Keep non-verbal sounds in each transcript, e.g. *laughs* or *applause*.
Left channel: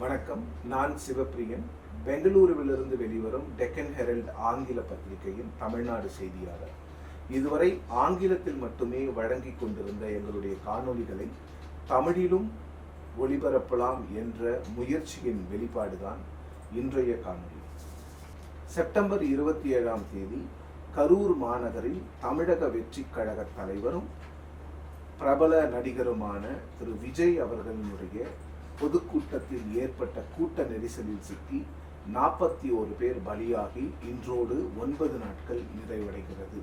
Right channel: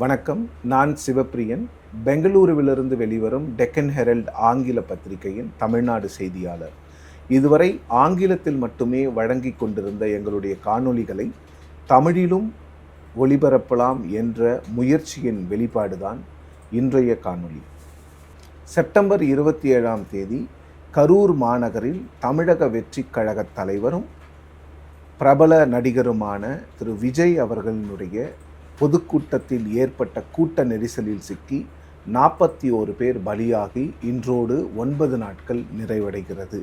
வணக்கம். நான் சிவப்பிரியன். பெங்களூருவிலிருந்து வெளிவரும் டெக்கன் ஹெரல்ட் ஆங்கில பத்திரிகையின் தமிழ்நாடு செய்தியாளர். இதுவரை ஆங்கிலத்தில் மட்டுமே வழங்கிக் கொண்டிருந்த எங்களுடைய காணொளிகளை தமிழிலும் ஒளிபரப்பலாம் என்ற முயற்சியின் வெளிப்பாடுதான் இன்றைய காணொளி. செப்டம்பர் இருபத்தி ஏழாம் தேதி கரூர் மாநகரில் தமிழக வெற்றி கழக தலைவரும் பிரபல நடிகருமான திரு விஜய் அவர்களினுடைய பொதுக்கூட்டத்தில் ஏற்பட்ட கூட்ட நெரிசலில் சிக்கி நாற்பத்தி ஓரு பேர் பலியாகி இன்றோடு ஒன்பது நாட்கள் நிறைவடைகிறது.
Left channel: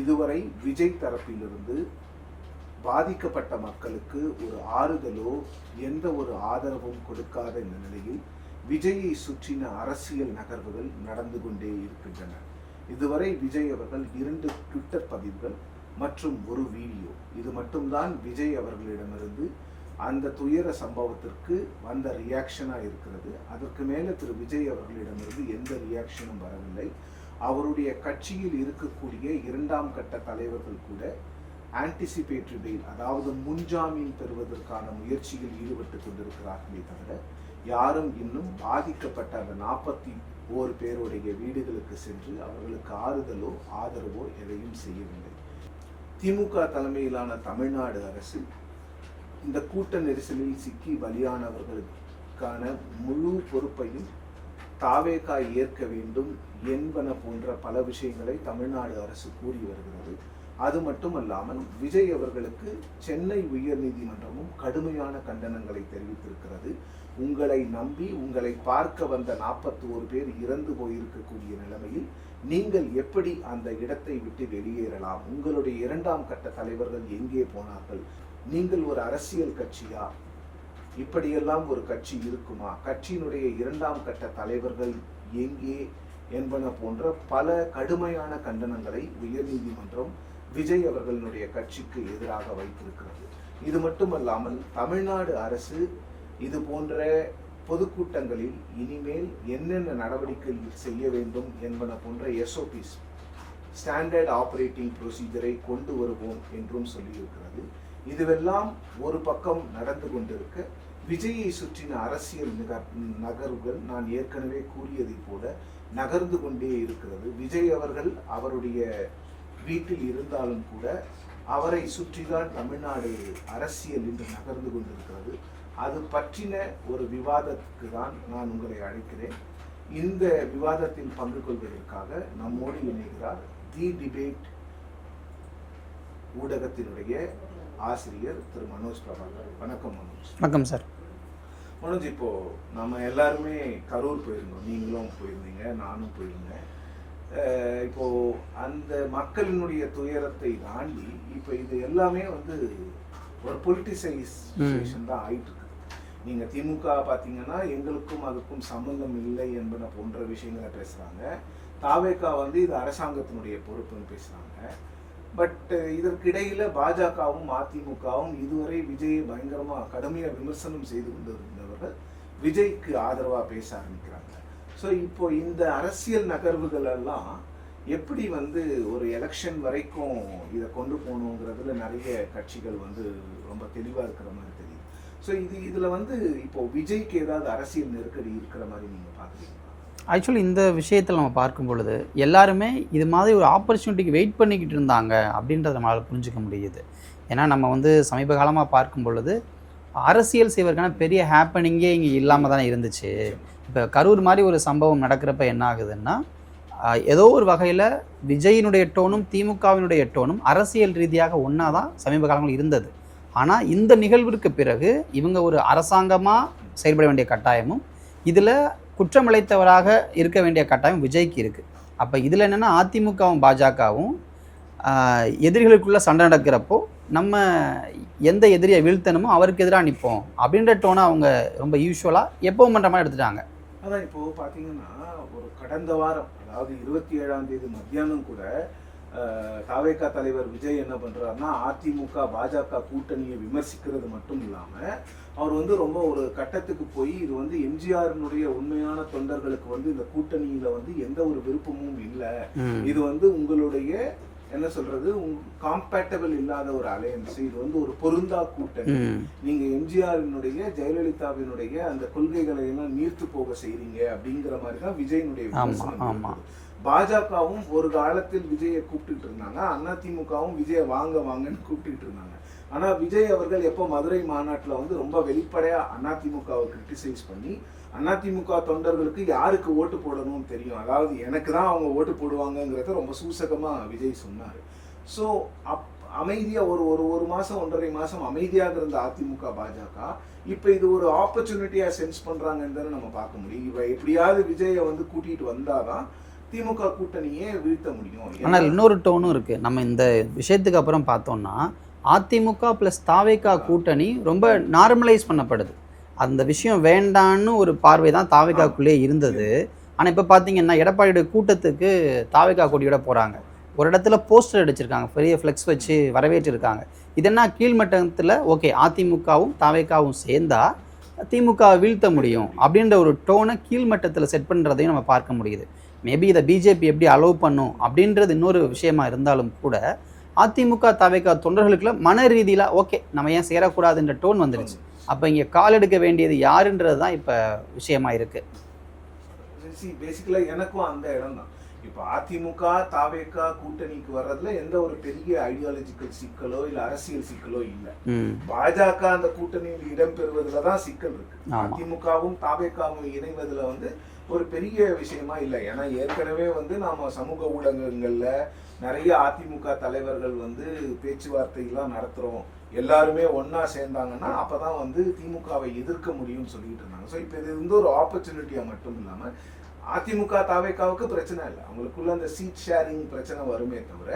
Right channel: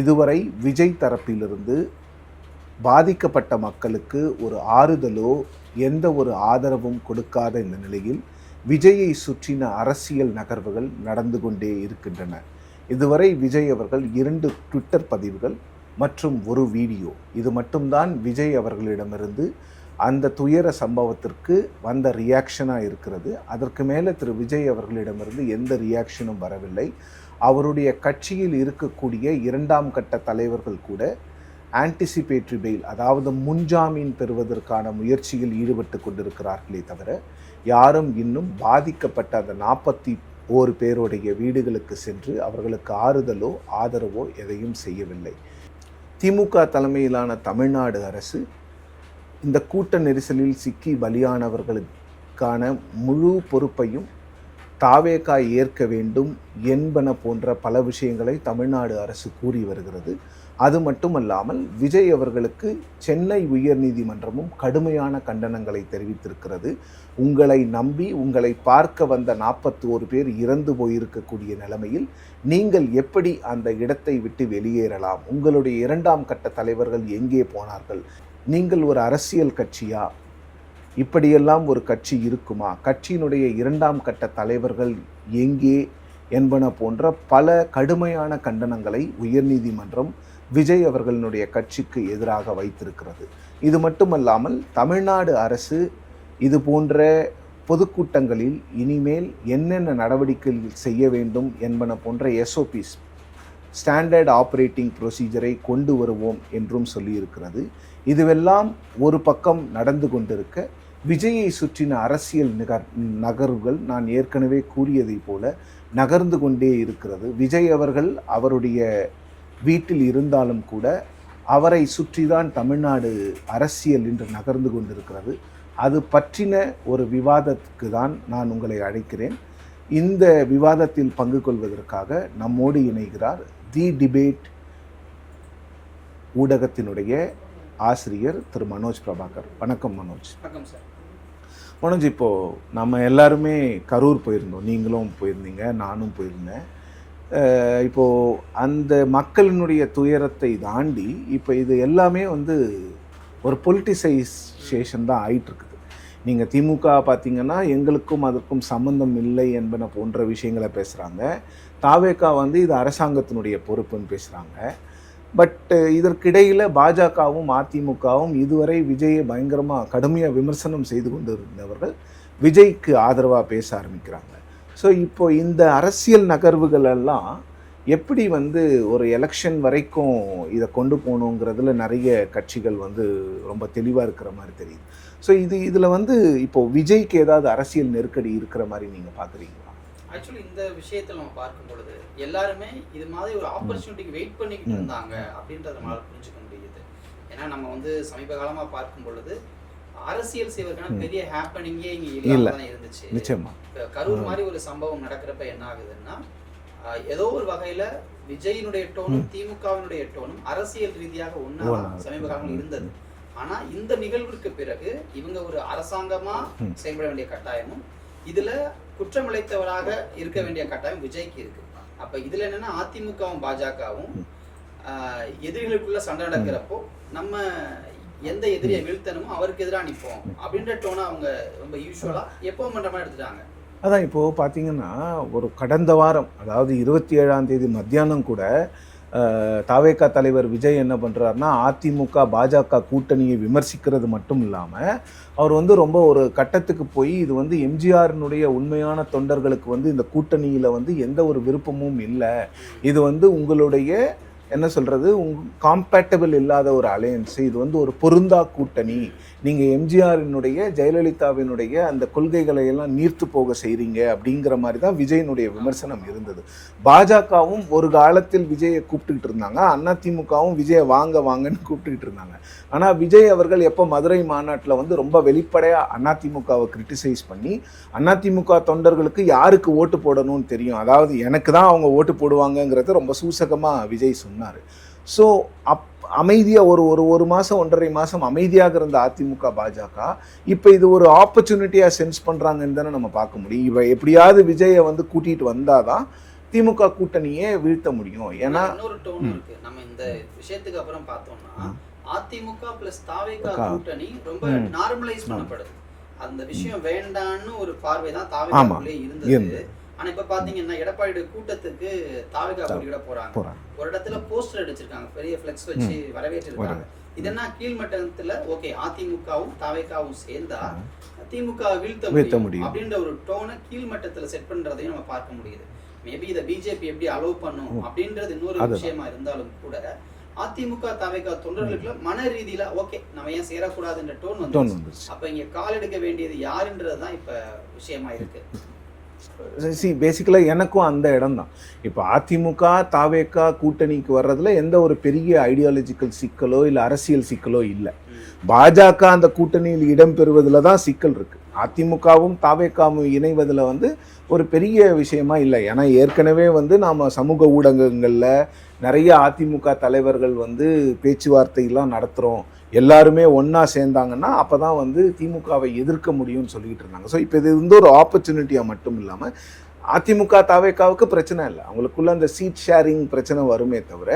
இதுவரை விஜய் தரப்பிலிருந்து பாதிக்கப்பட்ட மக்களுக்கு ஒரு ஆறுதலோ எந்த ஒரு ஆதரவும் கொடுக்காத இந்த நிலையில் விஜயை சுற்றின அரசியல் நகர்வுகள் நடந்து கொண்டே இருக்கின்றன. இதுவரை விஜய் அவர்கள் இரண்டு ட்விட்டர் பதிவுகள் மற்றும் ஒரு வீடியோ. இது மட்டும்தான் விஜய் அவர்களிடமிருந்து அந்த துயர சம்பவத்திற்கு வந்த ரியாக்ஷனாக இருக்கிறது. அதற்கு மேலே திரு விஜய் அவர்களிடமிருந்து எந்த ரியாக்ஷனும் வரவில்லை. அவருடைய கட்சியில் இருக்கக்கூடிய இரண்டாம் கட்ட தலைவர்கள் கூட ஆன்டிசிபேட்ரி பெயில் அதாவது முன்ஜாமீன் பெறுவதற்கான முயற்சியில் ஈடுபட்டு கொண்டிருக்கிறார்களே தவிர யாரும் இன்னும் பாதிக்கப்பட்ட அந்த நாற்பத்தி ஓரு பேருடைய வீடுகளுக்கு சென்று அவர்களுக்கு ஆறுதலோ ஆதரவோ எதையும் செய்யவில்லை. திமுக தலைமையிலான தமிழ்நாடு அரசு இந்த கூட்ட நெரிசலில் சிக்கி பலியானவர்களுக்கான முழு பொறுப்பையும் தாவேக்கா ஏற்க வேண்டும் என்பன போன்ற பல விஷயங்களை தமிழ்நாடு அரசு கூறி வருகிறது. அது மட்டுமல்லாமல் விஜய் அவர்களுக்கு சென்னை உயர்நீதிமன்றமும் கடுமையான கண்டனங்களை தெரிவித்திருக்கிறது. உங்களை நம்பி உங்களை பார்க்க வந்த நாற்பத்தோரு பேர் இறந்து போயிருக்கக்கூடிய நிலைமையில் நீங்கள் எப்படி அந்த இடத்தை விட்டு வெளியேறலாம்? உங்களுடைய இரண்டாம் கட்ட தலைவர்கள் எங்கே போனார்கள்? நீங்கள் ஒரு அரசியல் கட்சியா? இப்படியெல்லாம் ஒரு கட்சி இருக்குமா? கட்சியினுடைய இரண்டாம் கட்ட தலைவர்கள் எங்கே என்பன போன்ற பல கடுமையான கண்டனங்களை உயர்நீதிமன்றம் விஜய் அவர்களினுடைய கட்சிக்கு எதிராக வைத்திருக்கிறது. இது மட்டுமல்லாமல் தமிழ்நாடு அரசு இது போன்ற பொதுக்கூட்டங்களில் இனிமேல் என்னென்ன நடவடிக்கைகள் செய்ய வேண்டும் என்பன போன்ற எஸ்ஓபிஸ் ஸ்டாண்டர்ட் ஆப்ரேட்டிங் ப்ரொசீஜரை கொண்டு வருவோம் என்றும் சொல்லியிருக்கிறது. இதுவெல்லாம் ஒரு பக்கம் நடந்து கொண்டிருக்க விஜயை சுற்றின அரசியல் நிகர் நகர்வுகள் நான் ஏற்கனவே கூறியதை போல நகர்ந்து கொண்டே இருக்கிறது. விஜய் அவர்கள் அவருடைய வீட்டில் இருந்தாலும் கூட அவரை சுற்றிதான் தமிழ்நாடு அரசியல் இன்று நகர்ந்து கொண்டிருக்கிறது. அது பற்றின ஒரு விவாதத்துக்கு தான் நான் உங்களை அழைக்கிறேன். இந்த விவாதத்தில் பங்கு கொள்வதற்காக நம்மோடு இணைகிறார் தி டிபேட் ஊடகத்தினுடைய ஆசிரியர் திரு மனோஜ் பிரபாகர். வணக்கம் மனோஜ். வணக்கம் சார். மனோஜ் இப்போது நம்ம எல்லாருமே கரூர் போயிருந்தோம். நீங்களும் போயிருந்தீங்க நானும் போயிருந்தேன். அஹ் இப்போ அந்த மக்களினுடைய துயரத்தை தாண்டி இப்போ இது எல்லாமே வந்து ஒரு பொலிட்டிசைசேஷன் தான் ஆயிட்டு இருக்குது நீங்கள் திமுக பார்த்தீங்கன்னா எங்களுக்கும் அதுக்கும் சம்பந்தம் இல்லை என்பன போன்ற விஷயங்களை பேசுகிறாங்க தாவேக்கா வந்து இது அரசாங்கத்தினுடைய பொறுப்புன்னு பேசுகிறாங்க பட் இதற்கிடையில் பாஜகவும் அதிமுகவும் இதுவரை விஜயை பயங்கரமாக கடுமையாக விமர்சனம் செய்து கொண்டு இருந்தவர்கள் விஜய்க்கு ஆதரவாக பேச ஆரம்பிக்கிறாங்க. ஸோ இப்போ இந்த அரசியல் நகர்வுகள் எல்லாம் எப்படி வந்து ஒரு எலெக்ஷன் வரைக்கும் இதை கொண்டு போகணுங்கிறதுல நிறைய கட்சிகள் வந்து ரொம்ப தெளிவாக இருக்கிற மாதிரி தெரியுது. ஸோ இது இதில் வந்து இப்போ விஜய்க்கு ஏதாவது அரசியல் நெருக்கடி இருக்கிற மாதிரி நீங்கள் பார்க்குறீங்களா? ஆக்சுவலி இந்த விஷயத்தில் நம்ம பார்க்கும் பொழுது எல்லாருமே இது மாதிரி ஒரு ஆப்பர்ச்சுனிட்டிக்கு வெயிட் பண்ணிக்கிட்டு இருந்தாங்க அப்படின்றத நம்மளால் புரிஞ்சுக்க முடியுது. ஏன்னா நம்ம வந்து சமீப காலமாக பார்க்கும் பொழுது அரசியல் செய்வதற்கான. பெரிய ஹேப்பனிங்கே இங்கே இல்லாமல் இல்ல. தானே இருந்துச்சு. இப்போ கரூர் மாதிரி ஒரு சம்பவம் நடக்கிறப்ப என்ன ஆகுதுன்னா ஏதோ ஒரு வகையில் விஜயினுடைய டோனும் திமுகவினுடைய டோனும் அரசியல் ரீதியாக ஒன்றா தான். சமீப காலங்களில் இருந்தது. ஆனால் இந்த நிகழ்விற்கு பிறகு இவங்க ஒரு அரசாங்கமாக. செயல்பட வேண்டிய கட்டாயமும் இதில் குற்றமிழைத்தவராக இருக்க வேண்டிய கட்டாயம் விஜய்க்கு இருக்குது அப்போ இதில் என்னென்னா அதிமுகவும் பாஜகவும் எதிரிகளுக்குள்ள சண்டை நடக்கிறப்போ நம்ம எந்த எதிரியை வீழ்த்தணுமோ அவருக்கு எதிராக நிற்போம். அப்படின்ற டோனை அவங்க ரொம்ப யூஸ்வலாக எப்பவும் பண்ணுற மாதிரி எடுத்துட்டாங்க. அதான் இப்போது பார்த்தீங்கன்னா ஒரு கடந்த வாரம் அதாவது இருபத்தி ஏழாம் தேதி மத்தியானம் கூட தாவேகா தலைவர் விஜய் என்ன பண்றாருன்னா அதிமுக பாஜக கூட்டணியை விமர்சிக்கிறது மட்டும் இல்லாம அவர் வந்து ரொம்ப ஒரு கட்டத்துக்கு போய் இது வந்து எம்ஜிஆரினுடைய உண்மையான தொண்டர்களுக்கு வந்து இந்த கூட்டணியில வந்து எந்த ஒரு விருப்பமும் இல்லை. இது வந்து உங்களுடைய என்ன சொல்றது? காம்பேட்டபிள் இல்லாத ஒரு அலையன்ஸ் இது வந்து ஒரு பொருந்தா கூட்டணி. நீங்க எம்ஜிஆரினுடைய ஜெயலலிதாவினுடைய அந்த கொள்கைகளை எல்லாம் நீர்த்து போக செய்றீங்க அப்படிங்கிற மாதிரி தான் விஜயனுடைய விமர்சனம். இருந்தது. பாஜகவும் ஒரு காலத்தில் விஜயை கூப்பிட்டுட்டு இருந்தாங்க. அதிமுகவும் விஜய வாங்க வாங்கன்னு கூப்பிட்டுட்டு இருந்தாங்க. ஆனால் விஜய் அவர்கள் எப்போ மதுரை மாநாட்டில் வந்து ரொம்ப வெளிப்படையாக அதிமுகவை கிரிட்டிசைஸ் பண்ணி அதிமுக தொண்டர்களுக்கு யாருக்கு ஓட்டு போடணும்னு தெரியும்? அதாவது எனக்கு தான் அவங்க ஓட்டு போடுவாங்கங்கிறத ரொம்ப சூசகமாக விஜய் சொன்னார். ஸோ அப் அமைதியாக ஒரு ஒரு ஒரு மாதம் ஒன்றரை மாதம் அமைதியாக இருந்த அதிமுக பாஜக இப்போ இது ஒரு ஆப்பர்ச்சுனிட்டியாக சென்ஸ் பண்ணுறாங்கன்னு தானே நம்ம பார்க்க முடியும். இவ எப்படியாவது விஜயை வந்து கூட்டிகிட்டு வந்தால் தான் திமுக கூட்டணியே வீழ்த்த முடியும். ஏன்னா இன்னொரு டோனும் இருக்குது நம்ம இந்த விஷயத்துக்கு அப்புறம் பார்த்தோம்னா அதிமுக பிளஸ் தாவேகா. கூட்டணி ரொம்ப. நார்மலைஸ் பண்ணப்படுது. அந்த விஷயம் வேண்டான்னு ஒரு பார்வை தான் தாவேகாக்குள்ளே இருந்தது. ஆனா இப்ப பாத்தீங்கன்னா எடப்பாடியோட கூட்டத்துக்கு தாவேகா கொடியோட போறாங்க. போறாங்க. ஒரு இடத்துல போஸ்டர் அடிச்சிருக்காங்க. பெரிய ஃப்ளெக்ஸ் வச்சு வரவேற்றிருக்காங்க. இது என்ன கீழ்மட்டத்துல ஓகே அதிமுகவும் தாவேகாவும் சேர்ந்தா திமுக வீழ்த்த முடியும். அப்படின்ற ஒரு டோனை கீழ்மட்டத்துல செட் பண்றதையும் நம்ம பார்க்க முடியுது. மேபி இதை பிஜேபி எப்படி அலோவ் பண்ணும் அப்படின்றது இன்னொரு. விஷயமா இருந்தாலும் கூட அதிமுக தாவேகா தொண்டர்களுக்குள்ள மன ரீதியில ஓகே நம்ம ஏன் சேரக்கூடாதுன்ற டோன் வந்துருச்சு. அப்ப இங்க கால் எடுக்க வேண்டியது யாருன்றது தான் இப்ப விஷயமா இருக்கு சி பேசிக்கலாக எனக்கும் அந்த இடம் தான் இப்போ அதிமுக தாவேக்கா கூட்டணிக்கு வர்றதுல எந்த ஒரு பெரிய ஐடியாலஜிக்கல் சிக்கலோ இல்லை அரசியல் சிக்கலோ இல்லை. பாஜக அந்த கூட்டணியில் இடம் பெறுவதுல தான் சிக்கல் இருக்கு. அதிமுகவும் தாவேக்காவும் இணைவதுல வந்து ஒரு பெரிய விஷயமா இல்லை ஏன்னா ஏற்கனவே வந்து நாம சமூக ஊடகங்கள்ல நிறைய அதிமுக தலைவர்கள் வந்து பேச்சுவார்த்தையெல்லாம் நடத்துகிறோம் எல்லாருமே ஒன்றா சேர்ந்தாங்கன்னா அப்போ தான் வந்து திமுகவை எதிர்க்க முடியும்னு சொல்லிக்கிட்டு இருந்தாங்க. ஸோ இப்போ இது வந்து ஒரு ஆப்பர்ச்சுனிட்டியாக மட்டும் இல்லாமல் அதிமுக தாவேக்காவுக்கு பிரச்சனை இல்லை. அவங்களுக்குள்ள அந்த சீட் ஷேரிங் பிரச்சனை வருமே தவிர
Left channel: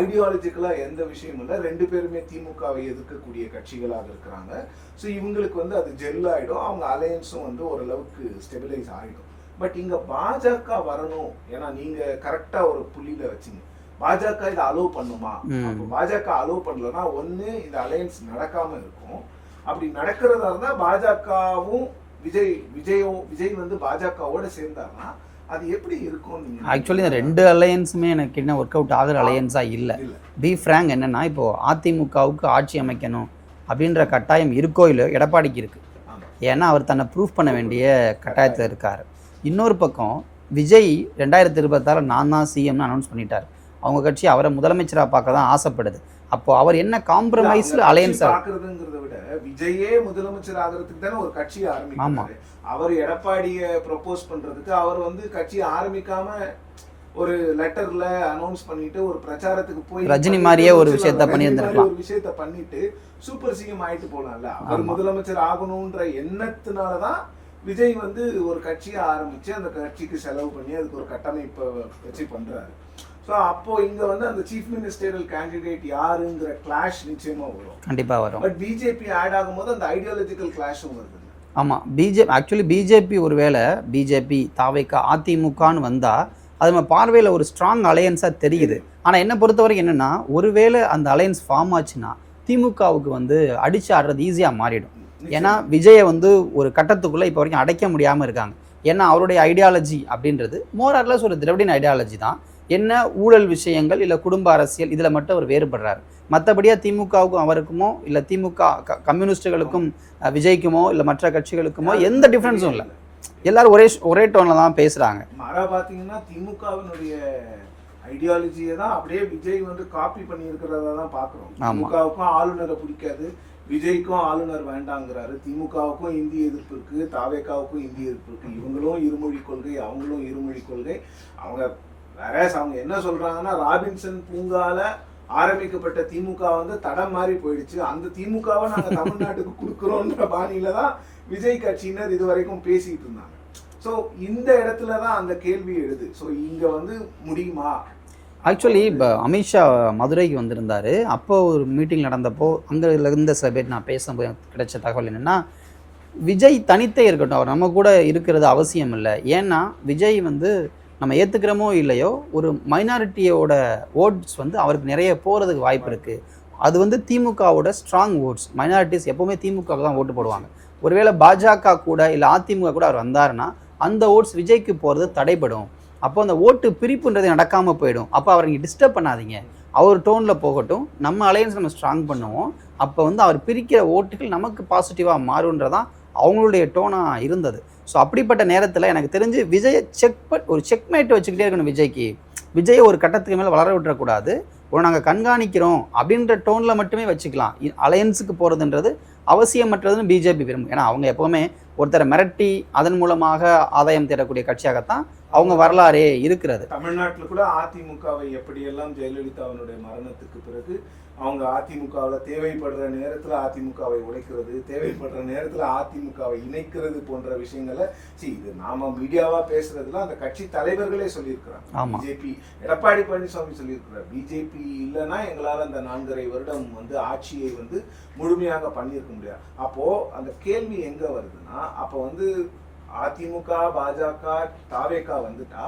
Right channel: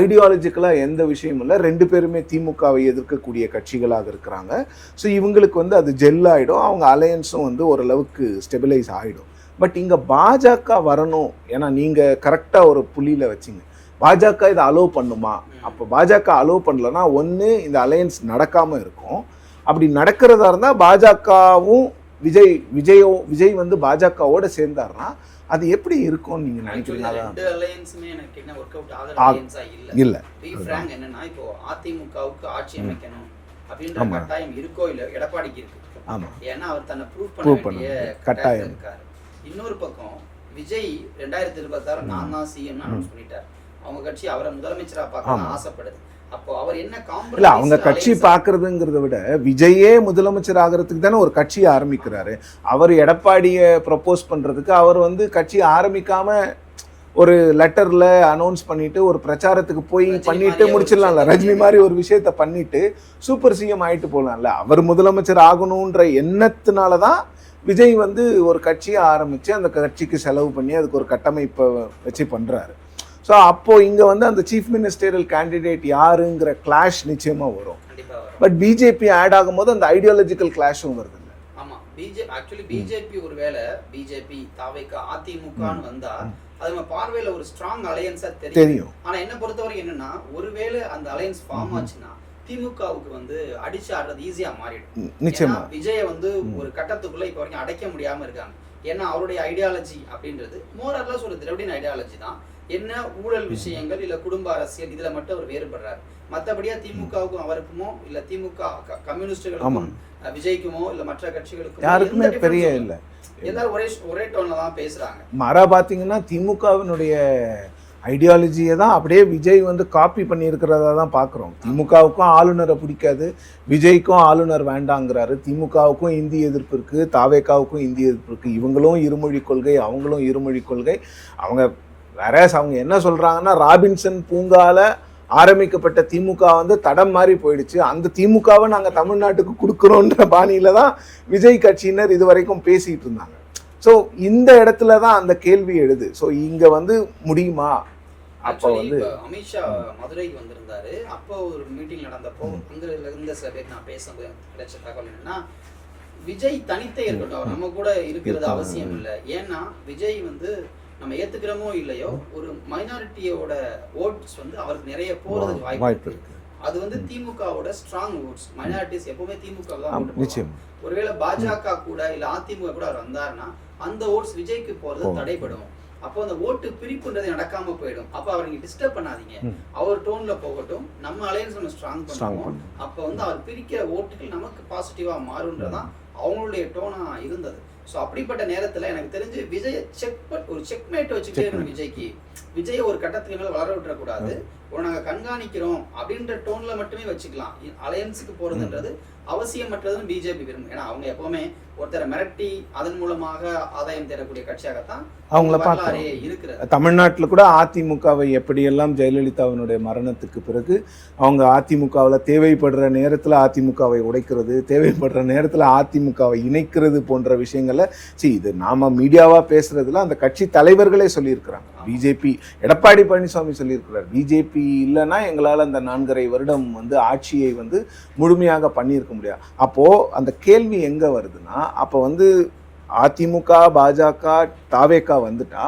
ஐடியாலஜிக்கலாக எந்த விஷயமும் இல்லை. ரெண்டு பேருமே திமுகவை எதிர்க்கக்கூடிய கட்சிகளாக இருக்கிறாங்க. ஸோ இவங்களுக்கு வந்து அது ஜெல் ஆகிடும் அவங்க அலையன்ஸும் வந்து ஓரளவுக்கு ஸ்டெபிலைஸ் ஆகிடும் பட் இங்கே பாஜக வரணும். ஏன்னா நீங்கள் கரெக்டாக ஒரு புள்ளியில் வச்சிங்க. பாஜக இதை அலோவ் பண்ணுமா. அப்போ பாஜக அலோவ் பண்ணலன்னா ஒன்று இந்த அலையன்ஸ் நடக்காமல் இருக்கும் அப்படி நடக்கிறதா இருந்தால் பாஜகவும் விஜய் விஜயோ விஜய் வந்து பாஜகவோட சேர்ந்தாருன்னா அது எப்படி இருக்கும் நீங்க ஆக்சுவலி இந்த ரெண்டு அலையன்ஸுமே எனக்கு என்ன ஒர்க் அவுட் ஆகுற ஆ. அலையன்ஸா இல்ல இல்ல பி ஃப்ராங்க் என்னன்னா இப்போ அதிமுகவுக்கு ஆட்சி அமைக்கணும் அப்படின்ற. கட்டாயம் இருக்கோ இல்லையோ எடப்பாடிக்கு இருக்கு ஆமா ஏன்னா அவர் தன்னை ப்ரூஃப் பண்ண வேண்டிய. கட்டாயத்தில். இருக்காரு இன்னொரு பக்கம் விஜய் ரெண்டாயிரத்தி இருபத்தாறு நான் தான் சிஎம்னு அனௌன்ஸ் பண்ணிட்டார் அவங்க கட்சி அவரை முதலமைச்சரா பார்க்க தான் ஆசைப்படுது. அப்போ அவர் என்ன காம்ப்ரமைஸ் கட்சி பாக்குறதுங்கிறத விட விஜயே முதலமைச்சர் ஆகிறதுக்கு தானே ஒரு கட்சியை ஆரம்பிக்கிறாரு. அவர் எடப்பாடியை ப்ரப்போஸ் பண்றதுக்கு அவர் வந்து கட்சியை ஆரம்பிக்காம ஒரு லெட்டர்ல அனௌன்ஸ் பண்ணிட்டு ஒரு பிரச்சாரத்துக்கு போய் ரஜினி பண்ணிட்டு மாதிரியே ஒரு ரஜினி மாதிரி. ஒரு விஷயத்த பண்ணிட்டு சூப்பர் சிஎம் ஆயிட்டு போலாம்ல. அவர். முதலமைச்சர் ஆகணும்ன்ற எண்ணத்தினாலதான் விஜய் வந்து ஒரு கட்சியை ஆரம்பிச்சு அந்த கட்சிக்கு செலவு பண்ணி அதுக்கு ஒரு கட்டமைப்பை வச்சு பண்றாரு. ஸோ அப்போ இங்க வந்து அந்த சீஃப் மினிஸ்டரியல் கேண்டிடேட் யாருங்கிற கிளாஷ் நிச்சயமா வரும். கண்டிப்பா வரும். பட் பிஜேபி ஆட் ஆகும்போது அந்த ஐடியாலஜிக்கல் கிளாஷும் வருது. ஆமா பிஜேபி ஆக்சுவலி பிஜேபி ஒருவேளை பிஜேபி தாவைக்கா அதிமுகன்னு வந்தா அது நம்ம பார்வையில ஒரு ஸ்ட்ராங் அலையன்ஸா தெரியுது. தெரியும். ஆனா என்ன பொறுத்தவரைக்கும் என்னன்னா ஒருவேளை அந்த அலையன்ஸ் ஃபார்ம் ஆச்சுன்னா திமுகவுக்கு வந்து அடிச்சு ஆடுறது ஈஸியா மாறிடும். ஏன்னா விஜயை வந்து ஒரு கட்டத்துக்குள்ள இப்போ வரைக்கும் அடைக்க முடியாம இருக்காங்க. ஏன்னா அவருடைய ஐடியாலஜி அப்படின்றது மோரார்லஸ் ஒரு திரவிடின் ஐடியாலஜி தான். என்ன ஊழல் விஷயங்கள் இல்ல குடும்ப அரசியல் இதுல மட்டும் அவர் வேறுபடுறாரு. மற்றபடியா திமுகவுக்கும் அவருக்குமோ இல்ல திமுக கம்யூனிஸ்டுகளுக்கும் விஜய்க்குமோ இல்ல மற்ற கட்சிகளுக்குமோ எந்த டிஃபரன்ஸும் இல்லை. எல்லாரும் ஒரே ஒரே டோன்ல தான் பேசுறாங்க. மாறா பாத்தீங்கன்னா திமுகவினுடைய ஐடியாலஜியை தான் அப்படியே விஜய் வந்து காப்பி பண்ணியிருக்கிறதா தான் பார்க்குறோம். திமுகவுக்கும் ஆளுநரை பிடிக்காது. விஜய்க்கும் ஆளுநர் வேண்டாங்கிறாரு. திமுகவுக்கும் இந்தி எதிர்ப்பு இருக்கு. தாவேக்காவுக்கும் இந்தி எதிர்ப்பு இருக்கு. இவங்களும் இருமொழி கொள்கை அவங்களும் இருமொழி கொள்கை. அவங்க வேற அவங்க என்ன சொல்றாங்கன்னா ராபின்சன் பூங்கால ஆரம்பிக்கப்பட்ட திமுக வந்து தடம் மாறி போயிடுச்சு. அந்த திமுகவை நாங்க தமிழ்நாட்டுக்கு கொடுக்குறோன்ற பாணியில தான் விஜய் கட்சியினர் இது வரைக்கும் பேசிட்டு இருந்தாங்க. ஸோ இந்த இடத்துல தான் அந்த கேள்வி எழுது. ஸோ இங்க வந்து முடியுமா? ஆக்சுவலி இப்போ அமித்ஷா மதுரைக்கு வந்திருந்தாரு. அப்போ ஒரு மீட்டிங் நடந்தப்போ அங்கே இருந்த சில பேர் நான் பேசும்போது கிடைச்ச தகவல் என்னன்னா விஜய் தனித்தே இருக்கட்டும். அவர் நம்ம கூட இருக்கிறது அவசியம் இல்லை. ஏன்னா விஜய் வந்து நம்ம ஏத்துக்கிறோமோ இல்லையோ ஒரு மைனாரிட்டியோட ஓட்ஸ் வந்து அவருக்கு நிறைய போறதுக்கு வாய்ப்பு வாய்ப்பு இருக்கு. அது வந்து திமுகவோட ஸ்ட்ராங் ஓட்ஸ் மைனாரிட்டிஸ் எப்பவுமே திமுக தான் ஓட்டு போடுவாங்க. ஒருவேளை பாஜக கூட இல்ல அதிமுக கூட அவர் வந்தாருன்னா அந்த ஓட்ஸ் விஜய்க்கு போறது ஓ. தடைபடும். அப்போ அந்த ஓட்டு பிரிப்புன்றது நடக்காம போயிடும். அப்போ அவரை நீங்க டிஸ்டர்ப் பண்ணாதீங்க. அவர் டோன்ல போகட்டும் நம்ம அலையன்ஸ் நம்ம ஸ்ட்ராங் பண்ணுவோம். அப்போ வந்து அவர் பிரிக்கிற ஓட்டுகள் நமக்கு பாசிட்டிவாக மாறுன்றதான் அவங்களுடைய டோனாக இருந்தது. ஸோ அப்படிப்பட்ட நேரத்தில் எனக்கு தெரிஞ்சு விஜயை செக் ஒரு செக்மேட் வச்சுக்கிட்டே இருக்கணும் விஜய்க்கு. விஜயை ஒரு கட்டத்துக்கு மேலே வளர விட்டுறக்கூடாது ஒரு நாங்கள் கண்காணிக்கிறோம் அப்படின்ற டோனில் மட்டுமே வச்சுக்கலாம். அலையன்ஸுக்கு போகிறதுன்றது அவசியமற்றதுன்னு பிஜேபி விரும்பும். ஏன்னா அவங்க எப்போவுமே ஒருத்தரை மிரட்டி அதன் மூலமாக ஆதாயம் தேடக்கூடிய கட்சியாகத்தான் அவங்க வரலாறே இருக்கிறது. தமிழ்நாட்டில் கூட அதிமுகவை எப்படியெல்லாம் ஜெயலலிதாவினுடைய மரணத்துக்கு பிறகு அவங்க அதிமுகவில் தேவைப்படுற நேரத்தில் அதிமுகவை உடைக்கிறது தேவைப்படுற நேரத்தில் அதிமுகவை இணைக்கிறது போன்ற விஷயங்களை சி இது நாம மீடியாவா பேசுறதுல அந்த கட்சி தலைவர்களே சொல்லியிருக்கிறாங்க. பிஜேபி எடப்பாடி பழனிசாமி சொல்லியிருக்கிறார். பிஜேபி இல்லைன்னா எங்களால் அந்த நான்கரை வருடம் வந்து ஆட்சியை வந்து முழுமையாக பண்ணியிருக்க முடியாது. அப்போ அந்த கேள்வி எங்க வருதுன்னா அப்போ வந்து அதிமுக பாஜக தாவேக்கா வந்துட்டா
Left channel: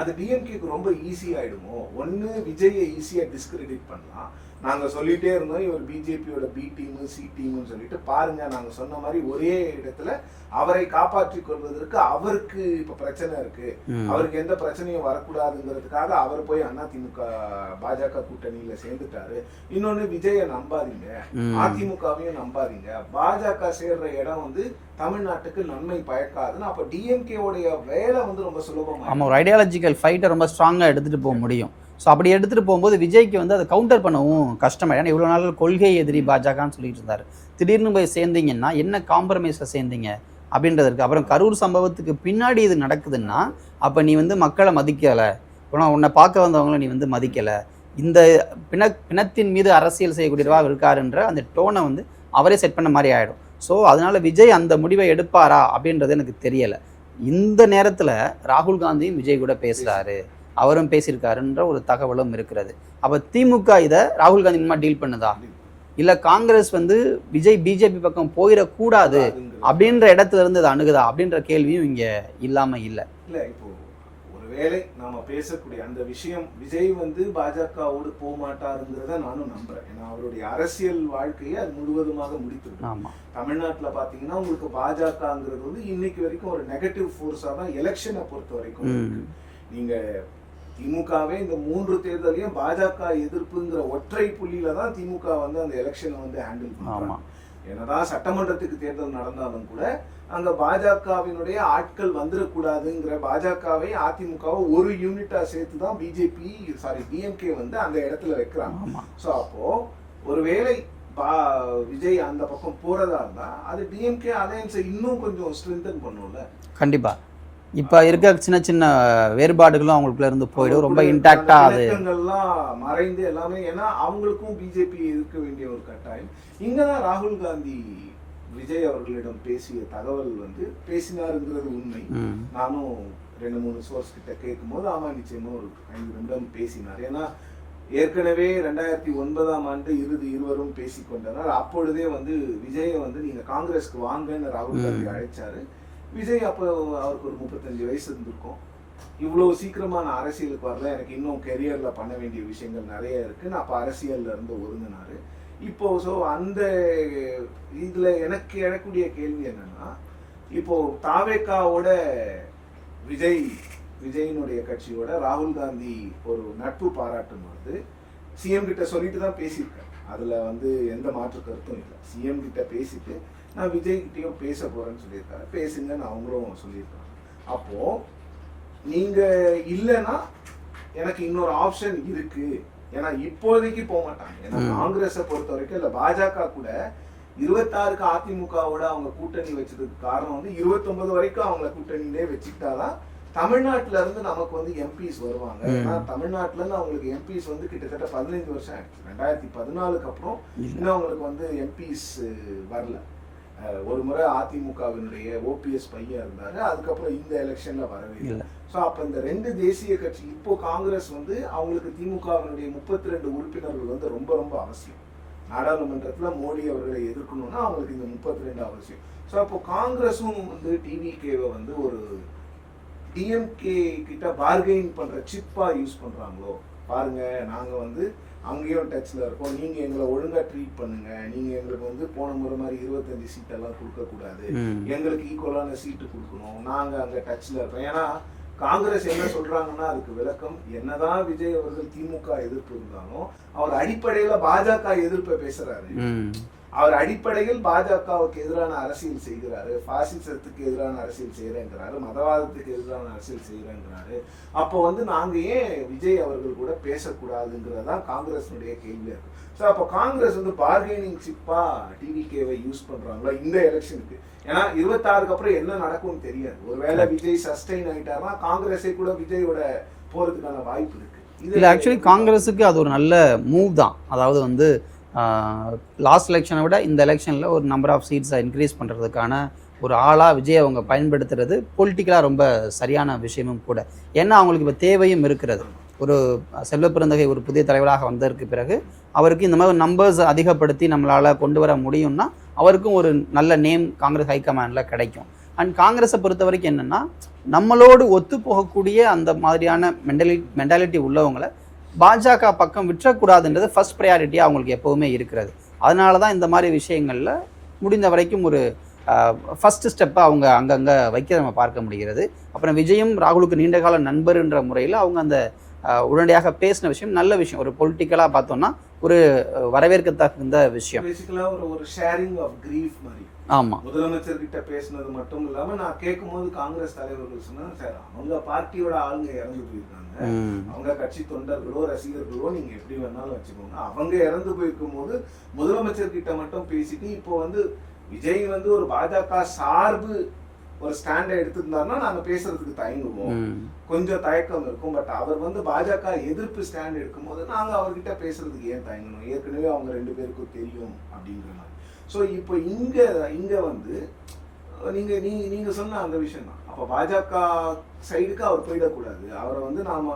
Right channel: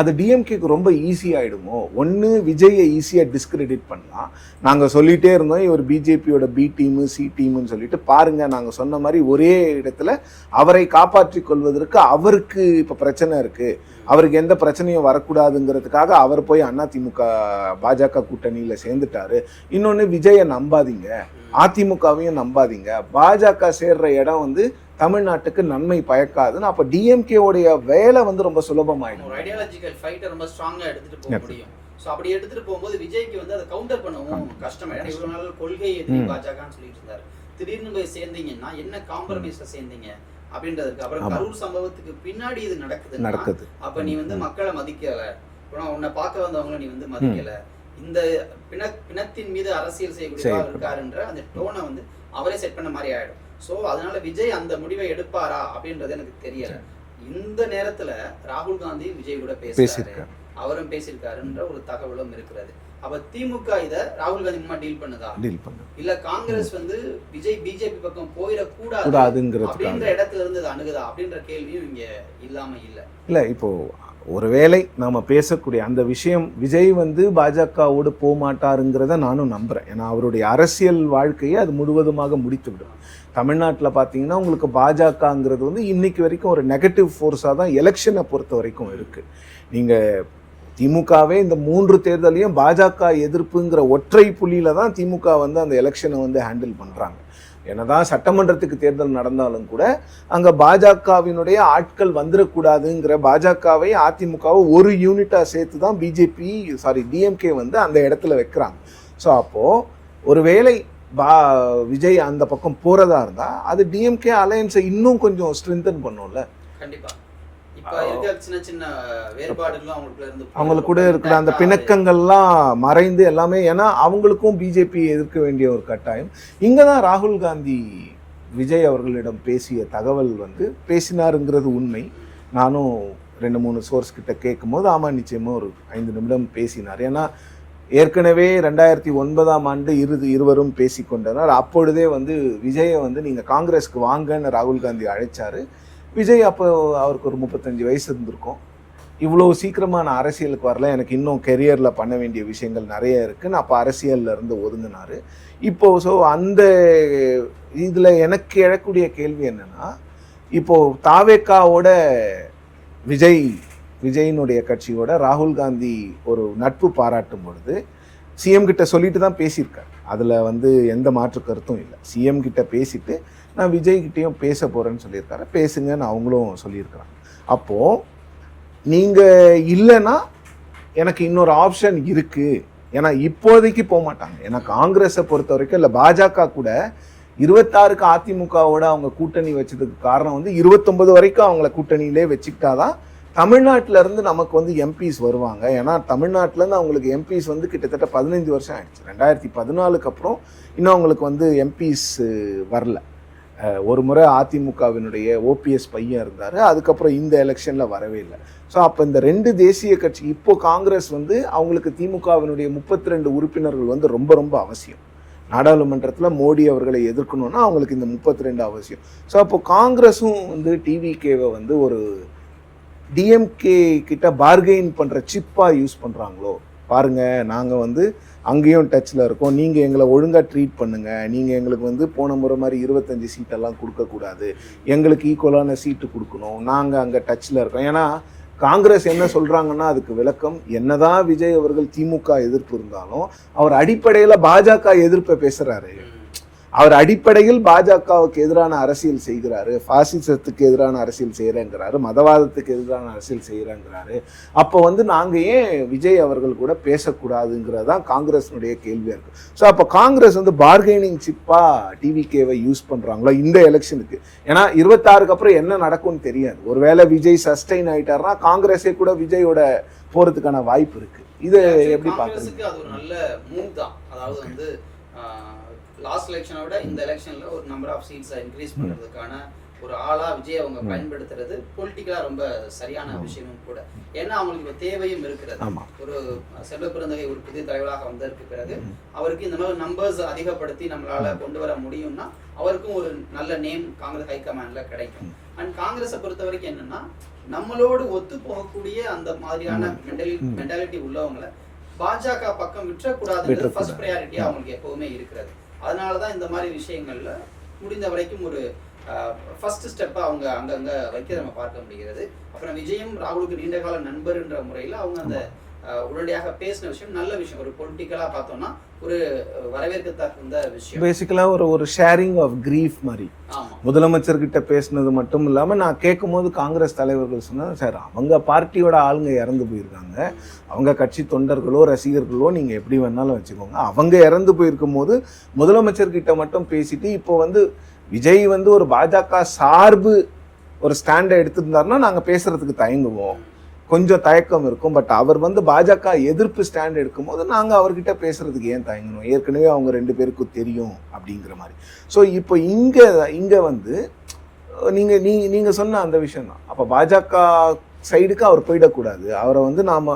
அது டிஎம்கேக்கு ரொம்ப ஈஸி ஆயிடுமோ? ஒன்று விஜயை ஈஸியாக டிஸ்கிரெடிட் பண்ணலாம். நாங்கள் சொல்லிட்டே இருந்தோம் இவர் பிஜேபியோட பி டீமு சி டீமுன்னு சொல்லிட்டு பாருங்க நாங்கள் சொன்ன மாதிரி ஒரே இடத்துல அவரை காப்பாற்றிக் கொள்வதற்கு அவருக்கு இப்போ பிரச்சனை இருக்கு. அவருக்கு எந்த பிரச்சனையும் வரக்கூடாதுங்கிறதுக்காக அவர் போய் அதிமுக பாஜக கூட்டணியில சேர்ந்துட்டாரு. இன்னொன்னு விஜயை நம்பாதீங்க. அதிமுகவையும் நம்பாதீங்க. பாஜக சேர்ற இடம் வந்து தமிழ்நாட்டுக்கு நன்மை பயக்காதுன்னு அப்ப டிஎம்கே உடைய வேலை வந்து ரொம்ப நம்ம சுலபமாயிடும் ஒரு ஐடியாலஜிக்கல் ஃபைட்டை ரொம்ப ஸ்ட்ராங்காக எடுத்துகிட்டு போக முடியும். ஸோ அப்படி எடுத்துகிட்டு போகும்போது விஜய்க்கு வந்து அதை கவுண்டர் பண்ணவும் கஷ்டமா ஏன்னா இவ்வளோ நாள் கொள்கை எதிரி. பாஜகன்னு சொல்லிட்டு இருந்தாரு. திடீர்னு போய் சேர்ந்தீங்கன்னா என்ன காம்ப்ரமைஸில் சேர்ந்தீங்க? அப்படின்றது இருக்கு அப்புறம். கரூர் சம்பவத்துக்கு பின்னாடி இது நடக்குதுன்னா நடக்குது. அப்ப நீ வந்து மக்களை மதிக்கல. உன- உன்னை பார்க்க வந்தவங்கள நீ வந்து மதிக்கல. இந்த பிண பிணத்தின் மீது அரசியல் செய்யக்கூடியவா சரி. இருக்காருன்ற அந்த டோனை வந்து அவரே செட் பண்ண மாதிரி ஆயிடும். ஸோ அதனால விஜய் அந்த முடிவை எடுப்பாரா அப்படின்றது எனக்கு தெரியல. இந்த நேரத்துல ராகுல் காந்தியும் விஜய் கூட பேசுறாரு. பேசியிருக்காரு. அவரும் பேசியிருக்காருன்ற ஒரு தகவலும் இருக்கிறது. அப்ப திமுக இதை ராகுல் காந்தி மூலமா டீல் பண்ணுதா? டீல் பண்ணு இல்ல காங்கிரஸ் வந்து விஜய் பிஜேபி பக்கம் போயிடக்கூடாது அப்படின்ற இடத்துல இருந்து அணுகுதா அப்படின்ற கேள்வியும் இங்க இல்லாம இல்ல. இல்ல இப்போ ஒருவேளை நாம பேசக்கூடிய அந்த விஷயம் விஜய் வந்து பாஜகவோடு போக மாட்டாருங்கிறத நானும் நம்புறேன். ஏன்னா அவருடைய அரசியல் வாழ்க்கையை அது முழுவதுமாக முடித்து விடும். ஆமா. தமிழ்நாட்டில் பார்த்தீங்கன்னா உங்களுக்கு பாஜகங்கிறது வந்து இன்னைக்கு வரைக்கும் ஒரு நெகட்டிவ் ஃபோர்ஸாக தான் எலெக்ஷனை பொறுத்த வரைக்கும் ம். இருக்கு. நீங்க திமுகவே இந்த மூன்று தேர்தலையும் பாஜக எதிர்ப்புங்கிற ஒற்றை புள்ளியில தான் திமுக வந்து அந்த எலெக்ஷனை வந்து ஹேண்டில் பண்றாங்க. ஆமா. என்னதான் சட்டமன்றத்துக்கு தேர்தல் நடந்தாலும் கூட அங்க பாஜகவினுடைய ஆட்கள் வந்துடக்கூடாதுங்கிற பாஜகவை அதிமுகவை ஒரு யூனிட்டா சேர்த்து தான் பிஜேபி சாரி டிஎம்கே வந்து அந்த இடத்துல வைக்கிறாங்க. ஸோ அப்போ ஒருவேளை பா விஜய் அந்த பக்கம் போறதா இருந்தா அது டிஎம்கே அலையன்ஸை இன்னும் கொஞ்சம் ஸ்ட்ரென்தன் பண்ணும்ல? கண்டிப்பா. இப்ப இருக்க சின்ன சின்ன வேறுபாடுகளும் அவங்களுக்குள்ள இருந்து போயிடும். அந்த பிணக்கங்கள்லாம் மறைந்து எல்லாமே ஏன்னா அவங்களுக்கும் பிஜேபி எதிர்க்க வேண்டிய ஒரு கட்டாயம். இங்க தான் ராகுல் காந்தி விஜய் அவர்களிடம் பேசிய தகவல் வந்து பேசினாருங்கிறது உண்மை. நானும் ரெண்டு மூணு சோர்ஸ் கிட்ட கேட்கும்போது ஆமா நிச்சயமா ஒரு ஐந்து நிமிடம் பேசினார். ஏன்னா ஏற்கனவே ரெண்டாயிரத்தி ஒன்பதாம் ஆண்டு இறுதி இருவரும் பேசிக்கொண்டனர். அப்பொழுதே வந்து விஜயை வந்து நீங்க காங்கிரஸ்க்கு வாங்கன்னு ராகுல் காந்தி அழைச்சாரு. விஜய் அப்போ அவருக்கு ஒரு முப்பத்தஞ்சு வயசு இருந்திருக்கும். இவ்வளோ சீக்கிரமா நான் அரசியலுக்கு வரல. எனக்கு இன்னும் கெரியரில் பண்ண வேண்டிய விஷயங்கள் நிறைய இருக்குன்னு அப்போ அரசியல்லேருந்து இருந்து இப்போது இப்போ ஸோ அந்த இதில் எனக்கு எழக்கூடிய கேள்வி என்னென்னா இப்போது தாவேக்காவோட விஜய் விஜயினுடைய கட்சியோட ராகுல் காந்தி ஒரு நட்பு பாராட்டும் பொழுது சிஎம் கிட்ட சொல்லிட்டு தான் பேசியிருக்காரு. அதில் வந்து எந்த மாற்று கருத்தும் இல்லை. சிஎம் கிட்ட பேசிட்டு நான் விஜய் கிட்டேயும் பேச போறேன்னு சொல்லியிருக்காரு. பேசுங்கன்னு அவங்களும் சொல்லியிருக்காங்க அப்போ நீங்க இல்லைன்னா எனக்கு இன்னொரு ஆப்ஷன் இருக்கு. ஏன்னா இப்போதைக்கு போக மாட்டாங்க. ஏன்னா. காங்கிரஸை பொறுத்த வரைக்கும் இல்லை பாஜக கூட இருபத்தாறுக்கு அதிமுகவோட அவங்க கூட்டணி வச்சதுக்கு காரணம் வந்து இருபத்தொன்பது வரைக்கும் அவங்கள கூட்டணியிலே வச்சுக்கிட்டாதான் தமிழ்நாட்டுல இருந்து நமக்கு வந்து எம்பிஸ் வருவாங்க. ஏன்னா தமிழ்நாட்டுல இருந்து அவங்களுக்கு எம்பிஸ் வந்து கிட்டத்தட்ட பதினஞ்சு வருஷம் ஆயிடுச்சு. ரெண்டாயிரத்தி பதினாலுக்கு அப்புறம் இன்னும் அவங்களுக்கு வந்து எம்பிஸ் வரல. ஒரு முறை அதிமுகவினுடைய ஓபிஎஸ் பையன் இருந்தாரு. அதுக்கப்புறம் இந்த எலெக்ஷன்ல வரவே இல்லை. ஸோ அப்போ இந்த ரெண்டு தேசிய கட்சி இப்போ காங்கிரஸ் வந்து அவங்களுக்கு திமுகவினுடைய முப்பத்தி ரெண்டு உறுப்பினர்கள் வந்து ரொம்ப ரொம்ப அவசியம். நாடாளுமன்றத்தில் மோடி அவர்களை எதிர்க்கணும்னா அவங்களுக்கு இந்த முப்பத்தி ரெண்டு அவசியம். ஸோ அப்போ காங்கிரஸும் வந்து டிவிகேவை வந்து ஒரு டிஎம்கே கிட்ட பார்கெயின் பண்ற சிப்பா யூஸ் பண்றாங்களோ? பாருங்க நாங்க வந்து அங்கேயும் டச்ல இருக்கோம். நீங்க எங்களை ஒழுங்கா ட்ரீட் பண்ணுங்க. நீங்க எங்களுக்கு வந்து போன முறை மாதிரி இருபத்தஞ்சு சீட்டெல்லாம் கொடுக்க கூடாது. ம். எங்களுக்கு ஈக்குவலான சீட்டு கொடுக்கணும். நாங்க அங்க டச்ல இருக்கோம். ஏன்னா காங்கிரஸ் என்ன சொல்றாங்கன்னா அதுக்கு விளக்கம் என்னதான் விஜய் அவர்கள் திமுக எதிர்ப்பு இருந்தாலும் அவர் அடிப்படையில பாஜக எதிர்ப்பை பேசுறாரு. ம். அவர் அடிப்படையில் பாஜகவுக்கு எதிரான அரசியல் செய்கிறாரு பாசிசத்துக்கு எதிரான அரசியல் செய்யறேங்கிறாரு மதவாதத்துக்கு எதிரான அரசியல் செய்யறேங்கிறாரு அப்போ வந்து நாங்க ஏன் விஜய் அவர்கள் கூட பேசக்கூடாதுங்கிறதான் காங்கிரஸினுடைய கேள்வியா இருக்கு. ஸோ அப்போ காங்கிரஸ் வந்து பார்கெனிங் சிப்பா டிவிகேவை யூஸ் பண்றாங்களோ இந்த எலெக்ஷனுக்கு ஏன்னா இருபத்தாறுக்கு அப்புறம் என்ன நடக்கும்னு தெரியாது. ஒருவேளை விஜய் சஸ்டைன் ஆயிட்டாருன்னா காங்கிரஸே கூட விஜயோட போறதுக்கான வாய்ப்பு இருக்கு. இது ஆக்சுவலி காங்கிரஸுக்கு அது ஒரு நல்ல மூவ் தான். அதாவது வந்து லாஸ்ட் எலெக்ஷனை விட இந்த எலெக்ஷனில் ஒரு நம்பர் ஆஃப் சீட்ஸை இன்க்ரீஸ் பண்ணுறதுக்கான ஒரு ஆளாக விஜய் அவங்க பயன்படுத்துறது பொலிட்டிக்கலாக ரொம்ப சரியான விஷயமும் கூட. ஏன்னா அவங்களுக்கு இப்போ தேவையும் இருக்கிறது. ஒரு செல்வ பிறந்தகை ஒரு புதிய தலைவராக வந்ததற்கு பிறகு அவருக்கு இந்த மாதிரி நம்பர்ஸ் அதிகப்படுத்தி நம்மளால் கொண்டு வர முடியும்னா அவருக்கும் ஒரு நல்ல நேம் காங்கிரஸ் ஹைகமாண்டில் கிடைக்கும். அண்ட் காங்கிரஸை பொறுத்த வரைக்கும் என்னன்னா நம்மளோடு ஒத்து போகக்கூடிய அந்த மாதிரியான மென்டலி மென்டாலிட்டி உள்ளவங்களை பாஜக பக்கம் விற்றக்கூடாதுன்றது ஃபர்ஸ்ட் ப்ரையாரிட்டியாக அவங்களுக்கு எப்போவுமே இருக்கிறது. அதனால தான் இந்த மாதிரி விஷயங்களில் முடிந்த வரைக்கும் ஒரு ஃபர்ஸ்ட் ஸ்டெப்பை அவங்க அங்கங்கே வைக்க நம்ம பார்க்க முடிகிறது. அப்புறம் விஜயும் ராகுலுக்கு நீண்டகால நண்பர்ன்ற முறையில் அவங்க அந்த உடனடியாக பேசின விஷயம் நல்ல விஷயம். ஒரு பொலிட்டிக்கலாக பார்த்தோம்னா ஒரு வரவேற்கத்தகுந்த விஷயம். பேசிக்கலா ஒரு ஒரு ஷேரிங் ஆஃப் கிரீஃப் மாதிரி. ஆமாம் முதலமைச்சர்கிட்ட பேசினது மட்டும் இல்லாம நான் கேட்கும்போது காங்கிரஸ் தலைவர்கள் சொன்னாங்க சார் அவங்க பார்ட்டியோட ஆளுங்க இறந்து போயிருக்காங்க. அவங்க கட்சி தொண்டர்களோ ரசிகர்களோ நீங்க எப்படி வேணாலும் வச்சுக்கோங்க. அவங்க இறந்து போயிருக்கும் போது முதலமைச்சர் கிட்ட மட்டும் பேசிட்டு இப்போ வந்து விஜய் வந்து ஒரு பாஜக சார்பு ஒரு ஸ்டாண்டை எடுத்திருந்தாருன்னா நாங்க பேசுறதுக்கு தயங்குவோம். கொஞ்சம் தயக்கம் இருக்கும். பட் அவர் வந்து பாஜக எதிர்ப்பு ஸ்டாண்ட் எடுக்கும்போது நாங்கள் அவர்கிட்ட பேசுறதுக்கு ஏன் தயங்கணும்? ஏற்கனவே அவங்க ரெண்டு பேருக்கும் தெரியும் அப்படிங்கிற மாதிரி. ஸோ இப்போ இங்கே இங்கே வந்து நீங்கள் நீங்கள் நீ சொன்ன அந்த விஷயம் தான். அப்போ பாஜக சைடுக்கு அவர் போயிடக்கூடாது. அவரை வந்து நாம்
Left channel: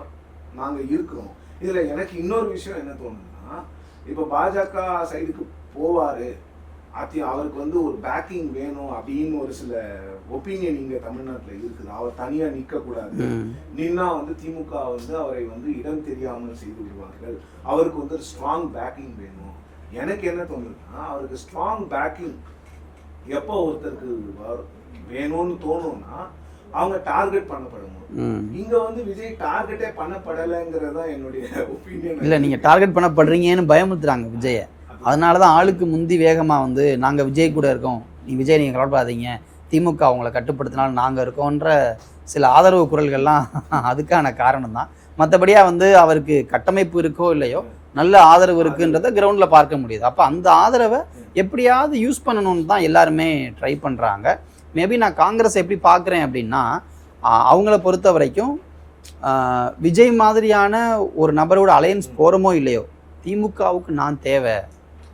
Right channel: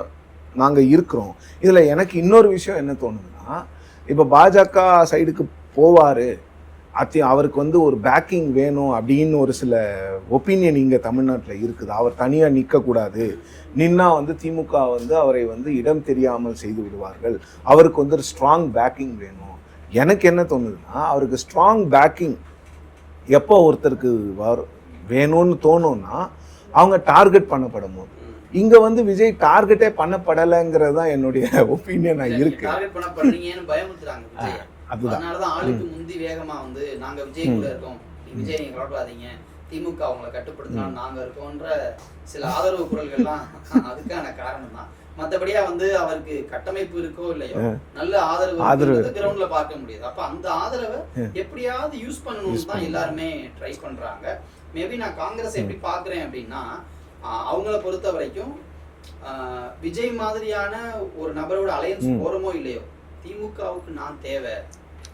நாங்கள் இருக்கிறோம். இதில் எனக்கு இன்னொரு விஷயம் என்ன தோணுதுன்னா இப்போ பாஜக சைடுக்கு போவார் அத்தி அவருக்கு வந்து ஒரு பேக்கிங் வேணும் அப்படின்னு ஒரு சில ஒப்பீனியன் இங்க தமிழ்நாட்டுல இருக்குது. அவர் தனியா நிக்க கூடாது நின்னா வந்து திமுக வந்து அவரை வந்து இடம் தெரியாமல் செய்து விடுவார்கள். அவருக்கு வந்து ஒரு ஸ்ட்ராங் பேக்கிங் வேணும். எனக்கு என்ன தோணுதுன்னா அவருக்கு ஸ்ட்ராங் பேக்கிங் எப்போ ஒருத்தருக்கு வரும் வேணும்னு தோணும்னா அவங்க டார்கெட் பண்ணப்படும் இங்க வந்து விஜய் டார்கெட்டே பண்ணப்படலைங்கிறது தான் என்னுடைய ஒப்பீனியன் நீங்க டார்கெட் பண்ணப்படுறீங்கன்னு பயமுறுத்துறாங்க விஜய. அதனால தான் ஆளுக்கு முந்தி வேகமா வந்து நாங்க விஜய் கூட இருக்கோம். நீ விஜய் நீங்க கவலைப்படாதீங்க. திமுக அவங்கள கட்டுப்படுத்தினாலும் நாங்க இருக்கோன்ற சில ஆதரவு குரல்கள்லாம் *laughs* அதுக்கான காரணம் தான் மற்றபடியா வந்து அவருக்கு கட்டமைப்பு இருக்கோ இல்லையோ நல்ல ஆதரவு இருக்குன்றத கிரவுண்ட்ல பார்க்க முடியுது. அப்ப அந்த ஆதரவை எப்படியாவது யூஸ் பண்ணணும்னு தான் எல்லாருமே ட்ரை பண்றாங்க. மேபி நான் காங்கிரஸ் எப்படி பார்க்குறேன் அப்படின்னா அவங்கள பொறுத்த வரைக்கும் விஜய் மாதிரியான ஒரு நபரோட அலையன்ஸ் போறோமோ இல்லையோ திமுகவுக்கு நான் தேவை.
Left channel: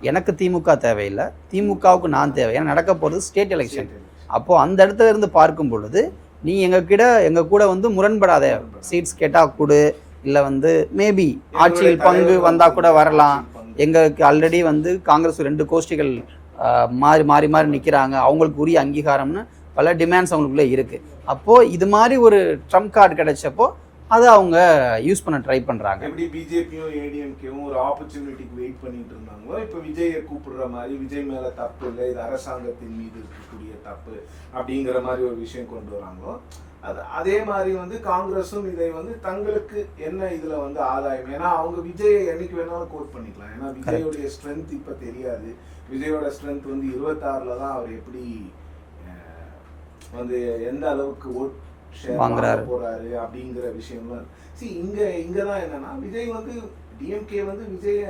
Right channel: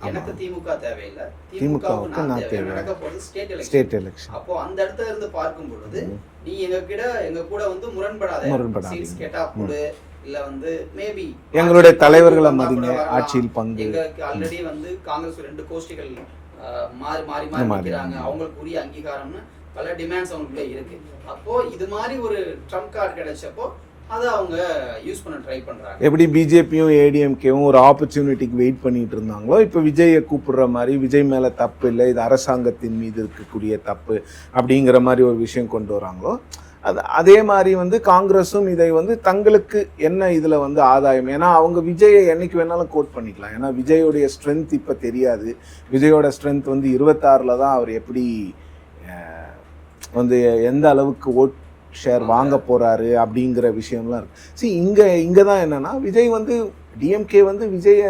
எனக்கு திமுக தேவையில்லை. திமுகவுக்கு நான் தேவை. ஏன்னா நடக்க போறது ஸ்டேட் எலெக்ஷன் அப்போ அந்த இடத்துல இருந்து பார்க்கும் பொழுது நீ எங்க கிட்ட எங்க கூட வந்து முரண்படாத. சீட்ஸ் கேட்டா கொடு இல்ல வந்து மேபி எங்களுடைய தலைவர்கள் வந்தா கூட வரலாம். எங்களுக்கு ஆல்ரெடி வந்து காங்கிரஸ் ரெண்டு கோஷ்டிகள் மாறி மாறி மாறி. நிக்கிறாங்க. அவங்களுக்கு உரிய அங்கீகாரம்னு பல டிமாண்ட்ஸ் அவங்களுக்குள்ள இருக்கு. அப்போ இது மாதிரி ஒரு ட்ரம்ப் கார்டு கிடைச்சப்போ அதை அவங்க யூஸ் பண்ண ட்ரை பண்ணுறாங்க எப்படி பிஜேபியும் ஏடிஎம்கேவும் ஒரு ஆப்பர்ச்சுனிட்டிக்கு வெயிட் பண்ணிட்டு இருந்தாங்களோ இப்போ விஜயை கூப்பிடுற மாதிரி விஜய் மேலே தப்பு இல்லை இது அரசாங்கத்தின் மீது இருக்கக்கூடிய தப்பு அப்படிங்கிற மாதிரி ஒரு விஷயம் கொண்டு வராங்களோ அது அதே மாதிரி வந்து காங்கிரஸும் இதை வந்து தங்களுக்கு என்ன இதில் வந்து ஆதாயம்? ஏன்னா அவங்க விஜயை என்னைக்கு வேணாலும் கோட் பண்ணிக்கலாம். ஏன்னா விஜயோடைய ஸ்ட்ரென்த் இப்போ தெரியாது. விஜயோட ஸ்ட்ரென்த் வந்து இருபத்தாறுல தான் அவர் எப்படி வந்து எந்த அளவுக்கு ஓட் ஷேர் வாங்க. போறாரு அப்படிங்கிற விஷயம்லாம் இருக்கு see இங்க இங்க தான் என்னன்னா விஜய் வந்து டிஎம்கே வந்து விஜய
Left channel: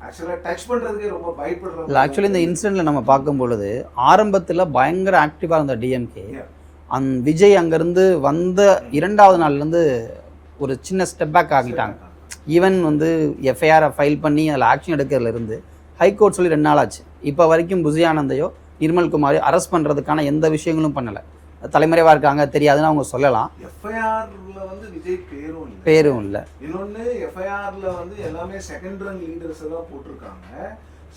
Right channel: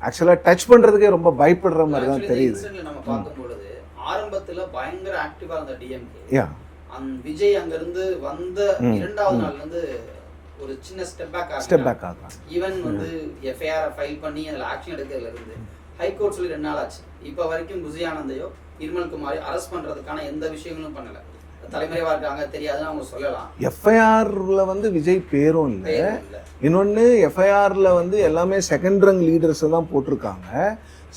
ஆக்சுவலா டச் பண்றதுக்கே ரொம்ப பயப்படுற மாதிரி ஆக்சுவலி இந்த தான் இன்சிடென்ட்ல நம்ம பார்க்கும் பொழுது ஆரம்பத்துல பயங்கர ஆக்டிவா இருந்த டிஎம்கே. அந் விஜய் அங்கிருந்து வந்த. இரண்டாவது நாள்ல இருந்து ஒரு சின்ன ஸ்டெப் பேக் ஆகிட்டாங்க. ஈவன் வந்து எஃப்ஐஆர் ஃபைல் பண்ணி அதில் ஆக்ஷன் எடுக்கிறதுல இருந்து ஹைகோர்ட் சொல்லி ரெண்டு நாள் ஆச்சு இப்போ வரைக்கும் புசி ஆனந்தையோ நிர்மல் குமாரையோ அரெஸ்ட் பண்றதுக்கான எந்த விஷயங்களும் பண்ணல தலைமறைவா இருக்காங்க தெரியாதுன்னு அவங்க சொல்லலாம். எஃப்ஐஆர்ல வந்து விஜய் பேரும் இல்லை. பேரும் இல்லை. இன்னொன்னு எஃப்ஐஆர்ல வந்து எல்லாமே செகண்ட் ரங் லீடர்ஸ் தான் போட்டிருக்காங்க.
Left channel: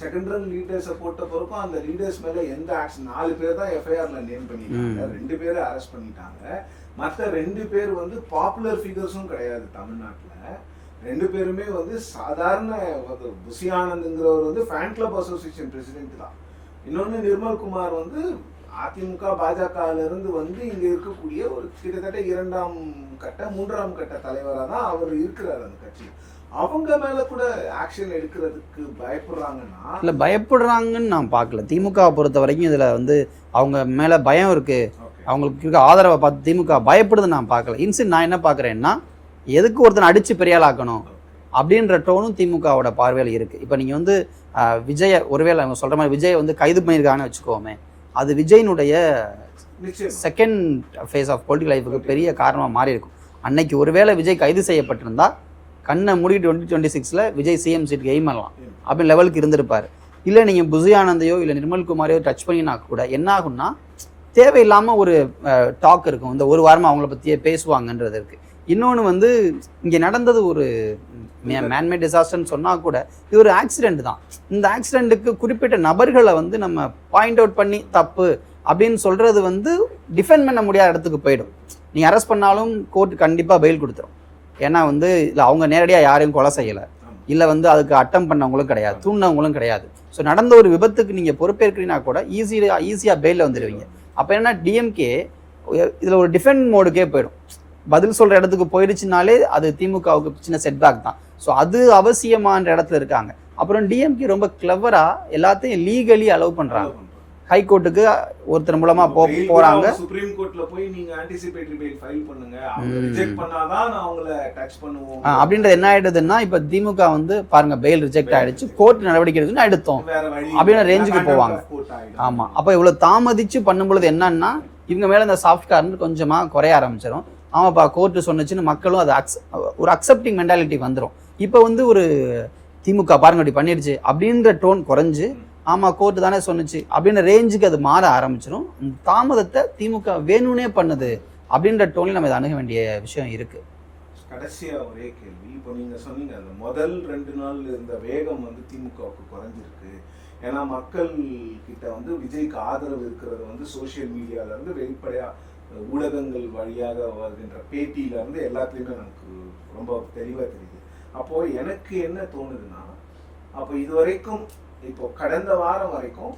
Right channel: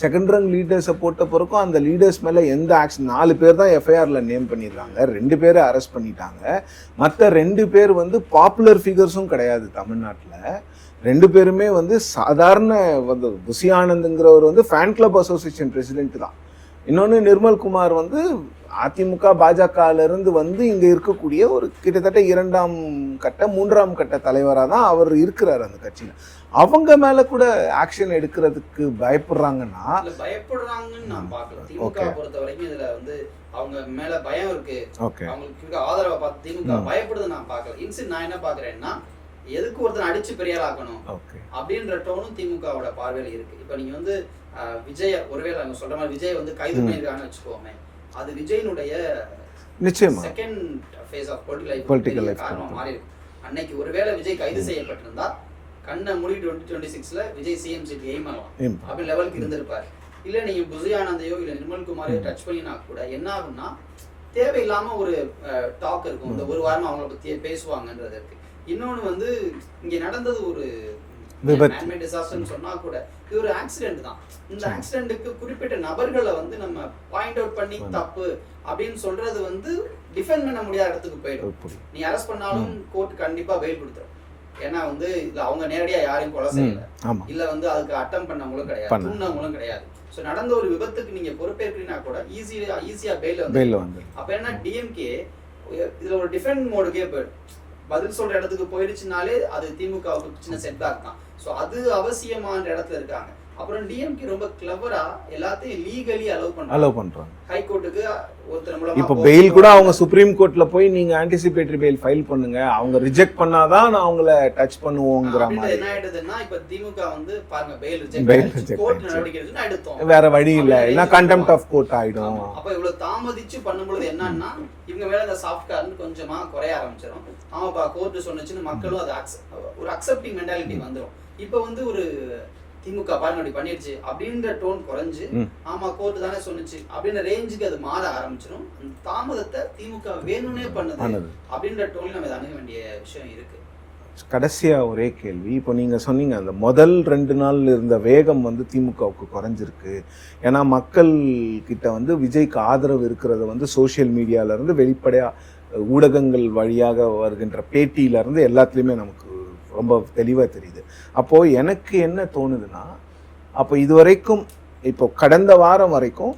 செகண்ட் ரங் லீடர்ஸை போட்ட பிறக்கும் அந்த லீடர்ஸ் மேல எந்த ஆக்ஷன் நாலு பேர் தான் எஃப்ஐஆர்ல நேம் பண்ணியிருக்காங்க. ரெண்டு பேரை அரெஸ்ட் பண்ணிட்டாங்க. மற்ற ரெண்டு பேர் வந்து பாப்புலர் ஃபிகர்ஸும் கிடையாது தமிழ்நாட்டுல. ரெண்டு பேருமே வந்து சாதாரண வந்து புசி ஆனந்த்ங்கிறவர் வந்து ஃபேன் கிளப் அசோசியேஷன் பிரசிடென்ட் தான். இன்னொன்று நிர்மல் குமார் வந்து அதிமுக பாஜகல இருந்து வந்து இங்க இருக்கக்கூடிய ஒரு கிட்டத்தட்ட இரண்டாம் கட்ட மூன்றாம் கட்ட தலைவராக தான் அவர் இருக்கிறார் அந்த கட்சியில். அவங்க மேல கூட ஆக்ஷன் எடுக்கிறதுக்கு பயப்படுறாங்கன்னா இல்ல பயப்படுறாங்கன்னு நான் பார்க்கல. திமுக பொறுத்த வரைக்கும் இதுல வந்து அவங்க மேல பயம் இருக்கு. ஓகே அவங்களுக்கு இருக்க ஆதரவை பார்த்து திமுக பயப்படுது நான் பார்க்கல. இன்சிட் நான் என்ன பார்க்கறேன்னா எதுக்கு ஒருத்தன் அடிச்சு பெரியாள் ஆக்கணும் ஓகே அப்படின்ற டோனும் திமுகவோட பார்வையில் இருக்கு. இப்போ நீங்க வந்து விஜய ஒருவேளை அவங்க சொல்ற மாதிரி விஜய் வந்து கைது பண்ணியிருக்காங்கன்னு வச்சுக்கோமே. அது விஜயினுடைய நிச்சயமா second phase of political life பெரிய life. காரணமா மாறி இருக்கும் அன்னைக்கு ஒருவேளை விஜய் கைது செய்யப்பட்டிருந்தா கண்ணை மூடி டுவெண்ட்டி டுவெண்ட்டி சிக்ஸ்ல விஜய் சிஎம் சீட்டுக்கு எய்ம் பண்ணலாம். அப்படின்னு லெவலுக்கு இருந்திருப்பாரு இல்ல நீங்க புசி ஆனந்தையோ இல்ல நிர்மல் குமாரையோ டச் பண்ணினா கூட என்ன ஆகும்னா தேவையில்லாம ஒரு டாக் இருக்கும் இந்த ஒரு வாரமா அவங்கள பத்தியே பேசுவாங்கன்றது இருக்கு இன்னொன்னு வந்து இங்க நடந்தது ஒரு. மேன்மேட் டிசாஸ்டர்னு சொன்னா கூட இது ஒரு ஆக்சிடென்ட் தான். இந்த ஆக்சிடென்ட்டுக்கு குறிப்பிட்ட நபர்களை வந்து நம்ம பாயிண்ட் அவுட் பண்ணி தப்பு அப்படின்னு சொல்றது வந்து டிஃபெண்ட் பண்ண முடியாத இடத்துக்கு போயிடும். நீ அரெஸ்ட் பண்ணாலும் கோர்ட் கண்டிப்பா பெயில் கொடுத்துரும். ஏன்னா வந்து இல்ல அவங்க நேரடியா யாரையும் கொலை செய்யல. இல்ல வந்து அதுக்கு அட்டம் பண்ணவங்களும் கிடையாது. தூண்டினவங்களும் கிடையாது. ஸோ நடந்த ஒரு விபத்துக்கு நீங்க பொறுப்பேற்கிறீங்கன்னா கூட ஈஸியா ஈஸியா பெயில வந்து வெளியில வந்து அப்ப என்ன டிஎம்கே இதுல ஒரு டிஃபெண்ட் மோடுக்கே போயிடும். பதில் சொல்ற இடத்துக்கு போயிடுச்சுனாலே அது திமுகவுக்கு சின்ன செட்பேக் தான். ஸோ அது அவசியமான இடத்துல இருக்காங்க. அப்புறம் டிஎம்கே ரொம்ப கிளவரா எல்லாத்தையும் லீகலி அலோவ் பண்றாங்க. அலோவ் பண்றாங்க. ஹைகோர்ட்டுக்கு ஒருத்தர் மூலமா பெயில் கூட. அவங்க சுப்ரீம் கோர்ட்ல போய் நீங்க ஆன்டிசிபேட்டரி பெயில் ஃபைல் பண்ணுங்க. அவங்க. ரிஜெக்ட் பண்ணாதான் நான் அவங்கள டச் பண்ணுவோம் அப்படின்றது என்ன ஆயிடுதுன்னா இப்ப திமுக வந்து பாருங்க பெயில் ரிஜெக்ட் ஆயிடுச்சு. கோர்ட். நடவடிக்கை எடுத்துன்னு எடுத்தோம். வேற வழி கண்டெம்ட். ஆஃப் கோர்ட் ஆயிடும். ஆமா. அப்ப இவ்வளவு தாமதிச்சு பண்ணும்பொழுது என்னன்னா இவங்க மேல இந்த சாஃப்ட் கொஞ்சமா குறைய ஆரம்பிச்சிடும் ஆமாப்பா கோர்ட் சொன்னுச்சுன்னு மக்களும் அது accept- ஒரு அக்செப்டிங் மென்டாலிட்டி வந்துரும். இப்ப வந்து ஒரு திமுக பாருங்க இப்படி பண்ணிடுச்சு அப்படின்ற டோன் குறைஞ்சு. ஆமா கோர்ட் தானே சொன்னுச்சு அப்படின்ற ரேஞ்சுக்கு அது மாற ஆரம்பிச்சிடும் தாமதத்தை திமுக வேணும்னே பண்ணுது அப்படின்ற டோன்ல நம்ம இதை அணுக வேண்டிய விஷயம் இருக்கு. கடைசியா ஒரே கேள்வி இப்போ நீங்க சொன்னீங்க அந்த முதல் ரெண்டு நாள் இருந்த வேகம் வந்து திமுகவுக்கு குறைஞ்சிருக்கு. ஏன்னா மக்கள் கிட்ட வந்து விஜய்க்கு ஆதரவு இருக்கிறத வந்து சோஷியல் மீடியால இருந்து வெளிப்படையா ஊடகங்கள் வழியாக வருகின்ற பேட்டியில இருந்து எல்லாத்துலயுமே நமக்கு ரொம்ப தெளிவா தெரியுது. அப்போ எனக்கு என்ன தோணுதுன்னா அப்போ இது வரைக்கும் இப்போ கடந்த வாரம் வரைக்கும்